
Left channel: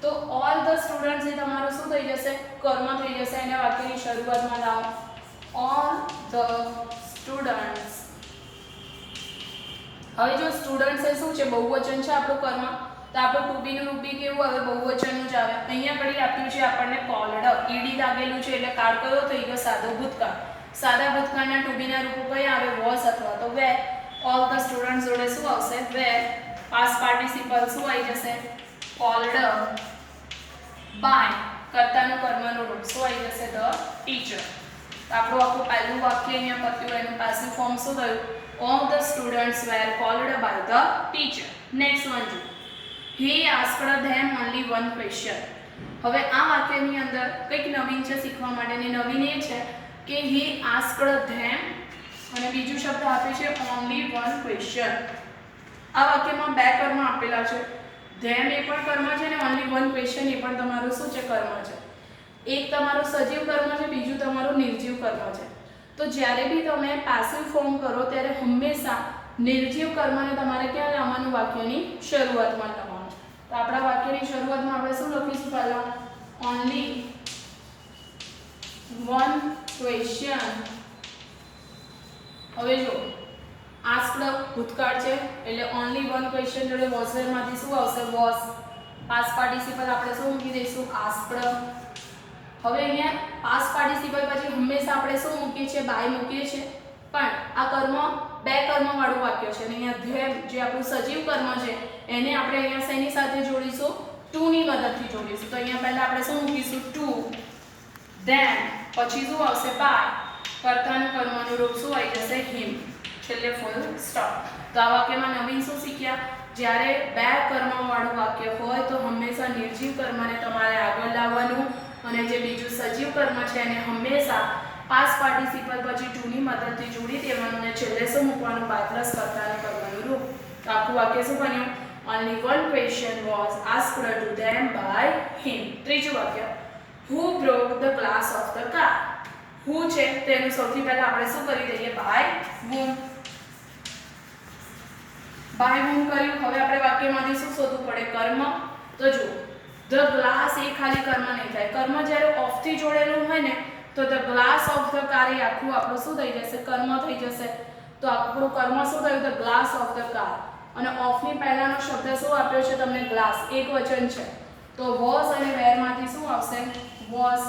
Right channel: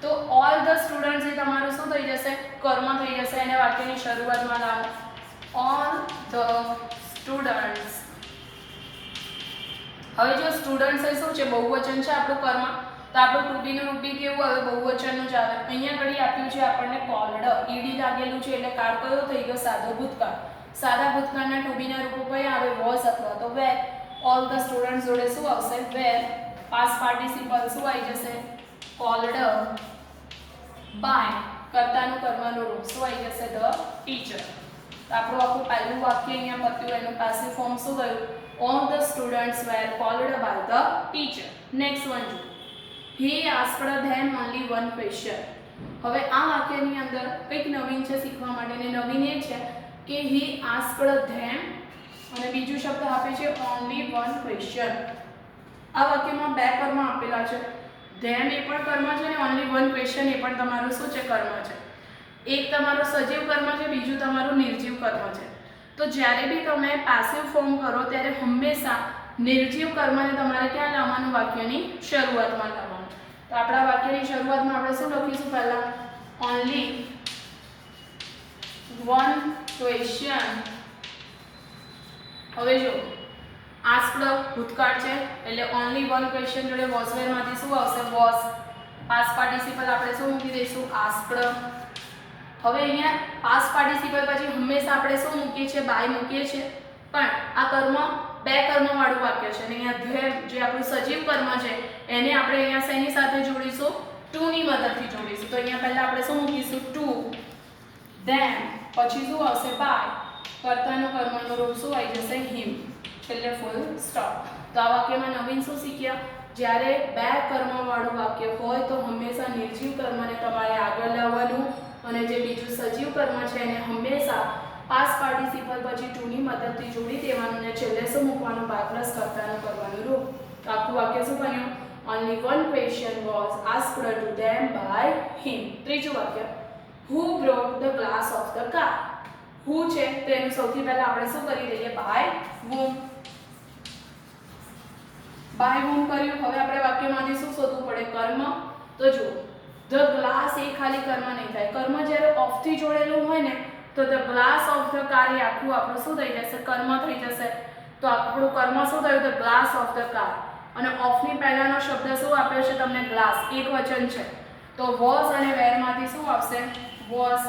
તો ઓલ ધ સ્ટુડન્ટ્સ એ તમારું શું થઈ જશે? કર્મ થઈ જશે. એને વાક્યની શરૂઆતમાં લાવો. All the students. હવે જો સ્ટુડન્ટ્સ એ શું છે? બહુવચન છે આપણું કર્મ, તો આપણું ટુ બી નું રૂપ બી કેવું આવે? બહુવચનનું જ આવે. અહીંયા ઘડી આપ્યું છે આપણને કોલ્ડ, ઈડી લાગેલું છે એટલે કાળ કયો થઈ ગયો? સાદો ભૂતકાળ. સાદા ભૂતકાળના ટુ બી ના રૂપો કયા આવે? વોઝ અથવા તો વેર. ઓલ ધ સ્ટુડન્ટ્સ જોડે શું આવશે? વેર. પાસ્ટ પાર્ટિસિપલ શું આવી જશે? Called by. કર્તાનું કર્મનું રૂપ શું આવી જશે? The teacher. તો આપણું આખું પહેલું વાક્ય અહીંયા પત્યું, એનું પેસિવ ફોર્મ શું થયું? All the students were called by the teacher. Next one જો. He asked them only one question. હવે આ વાક્યની અંદર કંઈક નવીન છે શીખવા માટેની. નવીન એ છે કે he asked them અને બીજું શબ્દ આપે છે only one question. આ વાક્યમાં બે કર્મ આપેલા છે. them એ પણ કર્મ છે અને only one question એ પણ તમારું શું છે? કર્મ છે. એક તમારું સજીવ કર્મ છે, બીજું તમારું નિર્જીવ કર્મ છે. તો જ્યારે બી તમે પેસિવ ફોર્મ કરો ત્યારે હંમેશા નિર્જીવ કર્મને તમારે ક્યાં લાવવાનું? વાક્યની શરૂઆતમાં લાવવાનું. તો આપણા વાક્યની શરૂઆતમાં આપણે શું લખીશું? પહેલા ઓનલી વન ક્વેશ્ચન. હવે જો આસ્ક્ડ ભૂતકાળ છે એટલે ઓનલી વન ક્વેશ્ચન જોડે વોઝ વેરમાંથી શું આવશે? વોઝ. પાસ્ટ પાર્ટિસિપલ આપણે શું મૂકી દઈશું? આસ્ક્ડ. હવે અહીંયા પાસ્ટ પાર્ટિસિપલ પછી હંમેશા આપણે શું મૂકીએ છીએ? બાય મૂકીએ છીએ. પણ આ કર્મ બે કર્મવાળું વાક્ય છે અને અહીંયા ધ્યેય જે આપણું સજીવ કર્મ છે એને આપણે અહીંયા શેની સાથે જોડીશું? ટુ ની મદદથી જોડીશું. તો અહીંયા પહેલા આપણે શું મૂકીશું? ટુ. ધેન પછી શું આવશે? બાય. કર્તાનું કર્મનું રૂપ શું આવી જશે? હિમ. છેલ્લે ફૂલ સ્ટોપ. તો આ વાક્યમાં નવીન શું શીખ્યા? જ્યારે બે કર્મવાળું વાક્ય હોય તો હંમેશા નિર્જીવ કર્મને તમારે આગળ લાવવાનું અને જે બીજું સજીવ કર્મ છે એને હંમેશા પાસ્ટ પાર્ટિસિપલ પછી ટુ ની મદદથી જોડી દેવાનું અને છેલ્લે શું મૂકવાનું? બાય પ્લસ કર્તાનું કર્મનું રૂપ. તો આખું વાક્ય શું બન્યું? only one question was asked to them by him. ત્રીજું વાક્ય who broke the glass of the car. who છે તેનું સૌથી પહેલા આપણે શું કરી દઈએ? by whom. by whom કર્યું. હવે આપણે વાક્યમાંથી શું શોધવું પડે? કર્મ. તો જુઓ ધ ગ્લાસ એ ખાલી કર્મ નહીં થાય. કર્મ જ્યારે ઓફ થી જોડેલું હોય ને તો the glass of the car એ આખું આપણું શું થઈ જશે? કર્મ થઈ જશે. તો આપણું કર્મ શું થયું? The glass of the car. અને ઓફ ની પહેલાનો શબ્દ શું આપ્યો છે તમને? ગ્લાસ. એક વચન છે તો વોઝ અને વેર માંથી શું આવશે? Was.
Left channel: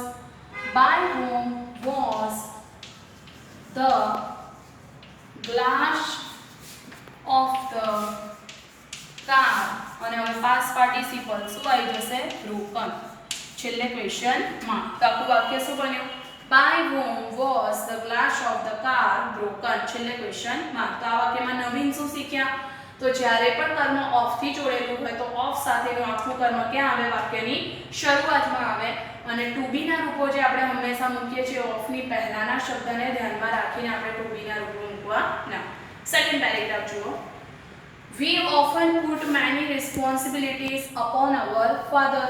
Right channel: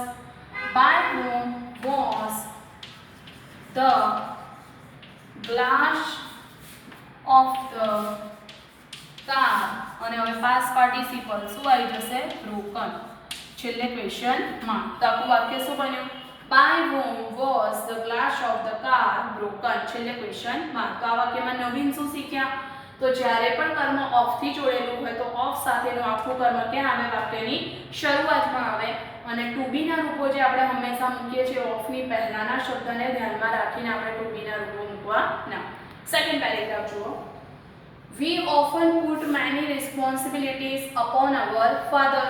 By whom was the glass of the car. અને હવે પાસ્ટ પાર્ટિસિપલ શું આવી જશે? broken. છેલ્લે ક્વેશ્ચન માં. તો આખું વાક્ય શું બન્યું? by whom was the glass of the car broken. છેલ્લે ક્વેશ્ચન માં. તો આ વાક્યમાં નવીન શું શીખ્યા? તો જ્યારે પણ કર્મ ઓફ થી જોડેલું હોય તો ઓફ સાથેનું આખું કર્મ ક્યાં આવે? વાક્યની શરૂઆતમાં આવે. અને ટુ બી ના રૂપો જે આપણે હંમેશા મૂકીએ છીએ ઓફ ની પહેલાના શબ્દને ધ્યાનમાં રાખીને આપણે ટુ બી ના રૂપો મૂકવાના. સેકન્ડ પેરેગ્રાફ જુઓ. We often put many responsibilities upon our father.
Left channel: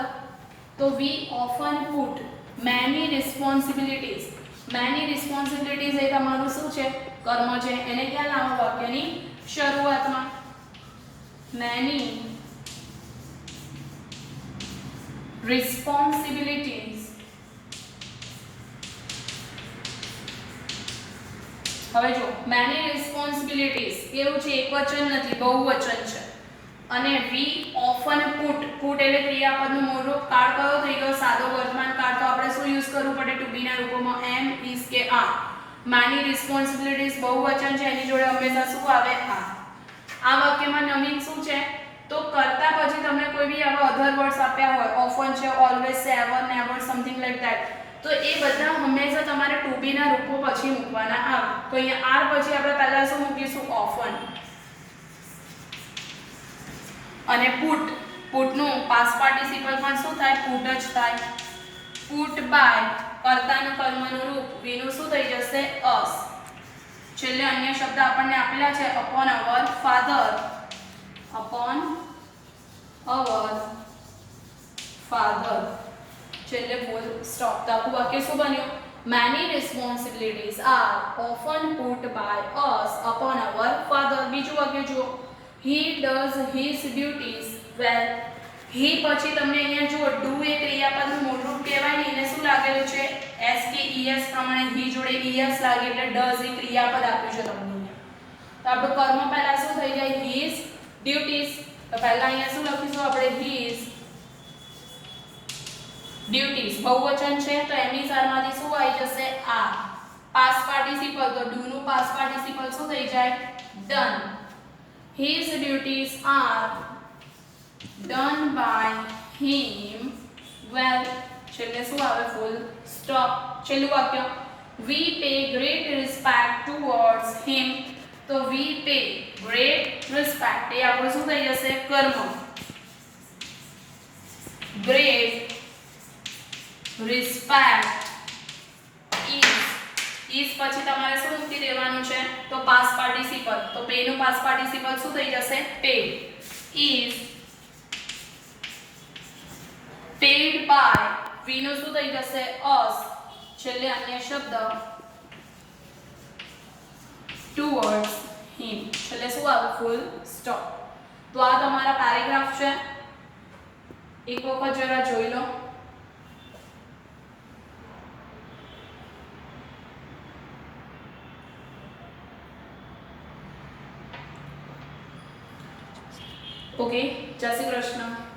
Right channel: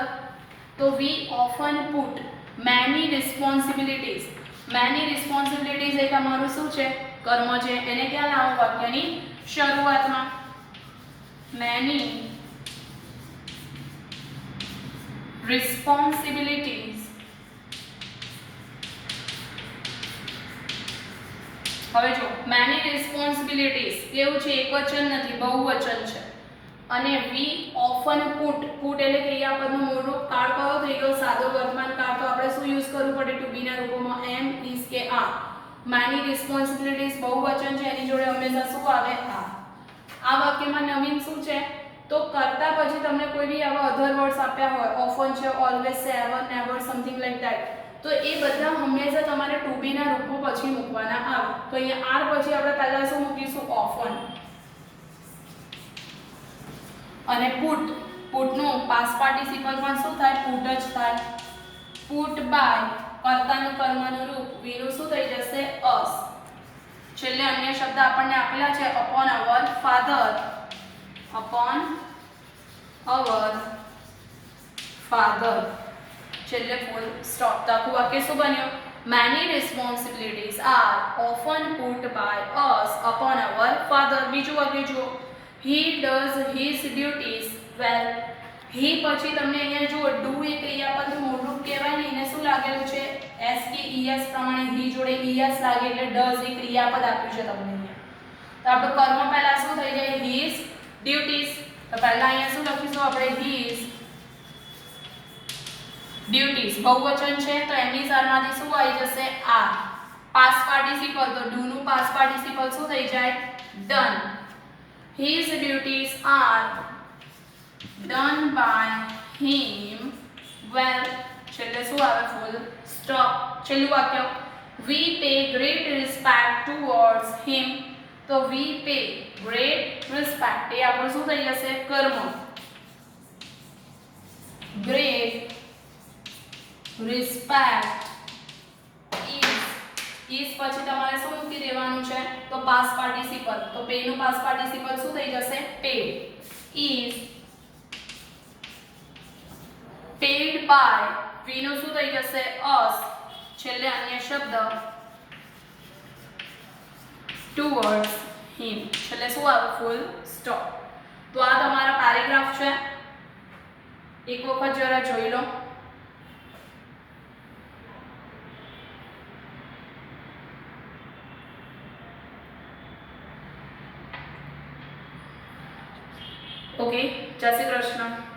તો we often put many responsibilities. many responsibilities એ તમારું શું છે? કર્મ છે. એને ક્યાં લાવો? વાક્યની શરૂઆતમાં. many responsibilities. હવે જો many responsibilities કેવું છે? એક વચન નથી, બહુવચન છે. અને we often put એટલે ક્રિયાપદનું મૂળ રૂપ કાળ કયો થઈ ગયો? સાદો વર્તમાન કાળ. તો આપણે શું યુઝ કરવું પડે ટુ બી ના રૂપોમાં? am, is કે are. many responsibilities બહુવચન છે એની જોડે હંમેશા શું આવે? are. આ વાક્યમાં નવીન શું છે? તો કરતા પછી તમને કોઈ બી આવા અધર વર્ડ્સ આપ્યા હોય, ઓફન છે, ઓલવેઝ છે, ever, never, something like that, તો એ બધા હંમેશા તમારે ટુ બી ના રૂપો પછી મૂકવાના આવે. તો અહીંયા આર પછી આપણે પહેલા શું મૂકીશું? ઓફન. અને પુટનું પાસ્ટ પાર્ટિસિપલ પણ શું થાય? પુટ જ થાય. પુટ બાય કર્તાનું કર્મનું રૂપ વીનું શું થઈ જશે? અસ. છેલ્લે અન્ય શબ્દ આપણને આપેલા છે upon our father. Upon our father. છેલ્લે ફૂલ સ્ટોપ. તો આખું વાક્ય શું બન્યું? Many responsibilities are often put by us upon our father. બીજું વાક્ય જુઓ. He does his duties well. He પછી તમને અહીંયા જુઓ do એ ક્રિયાપદનું મૂળરૂપ કહેવાય ને એને શું લાગેલું છે? s કે es પ્રમાણે he જોડે es લાગે એટલે does એ ક્રિયાપદ આપ્યું છે તમને અહીંયા. તો આપણું કર્મ પહેલા શું થઈ જાય? his duties. તો પહેલા અહીંયા શું લખીશું આપણે? his duties. બહુવચન છે તો એમની સારમાંથી શું આવી જશે? are. પાસ્ટ પાર્ટિસિપલ તો do નું પાસ્ટ પાર્ટિસિપલ શું થઈ જાય? done. His duties are done by him well. છેલ્લે શું આવે? Full stop. છેલ્લું વાક્ય we pay great respect towards him. તો we pay great respect એ આપણું શું થઈ જશે? કર્મ. great respect is પછી તમારે શું મૂકી દેવાનું છે? તો પાસ્ટ પાર્ટિસિપલ. તો pay નું પાસ્ટ પાર્ટિસિપલ શું થઈ જશે? paid. is paid by we નું શું થઈ જશે? us. છેલ્લે અન્ય શબ્દ towards him. છેલ્લે શું આવે? Full stop. તો આ તમારા પેરેગ્રાફ છે. એક વખત જરા જોઈ લો. ઓકે, જય શ્રી કૃષ્ણ.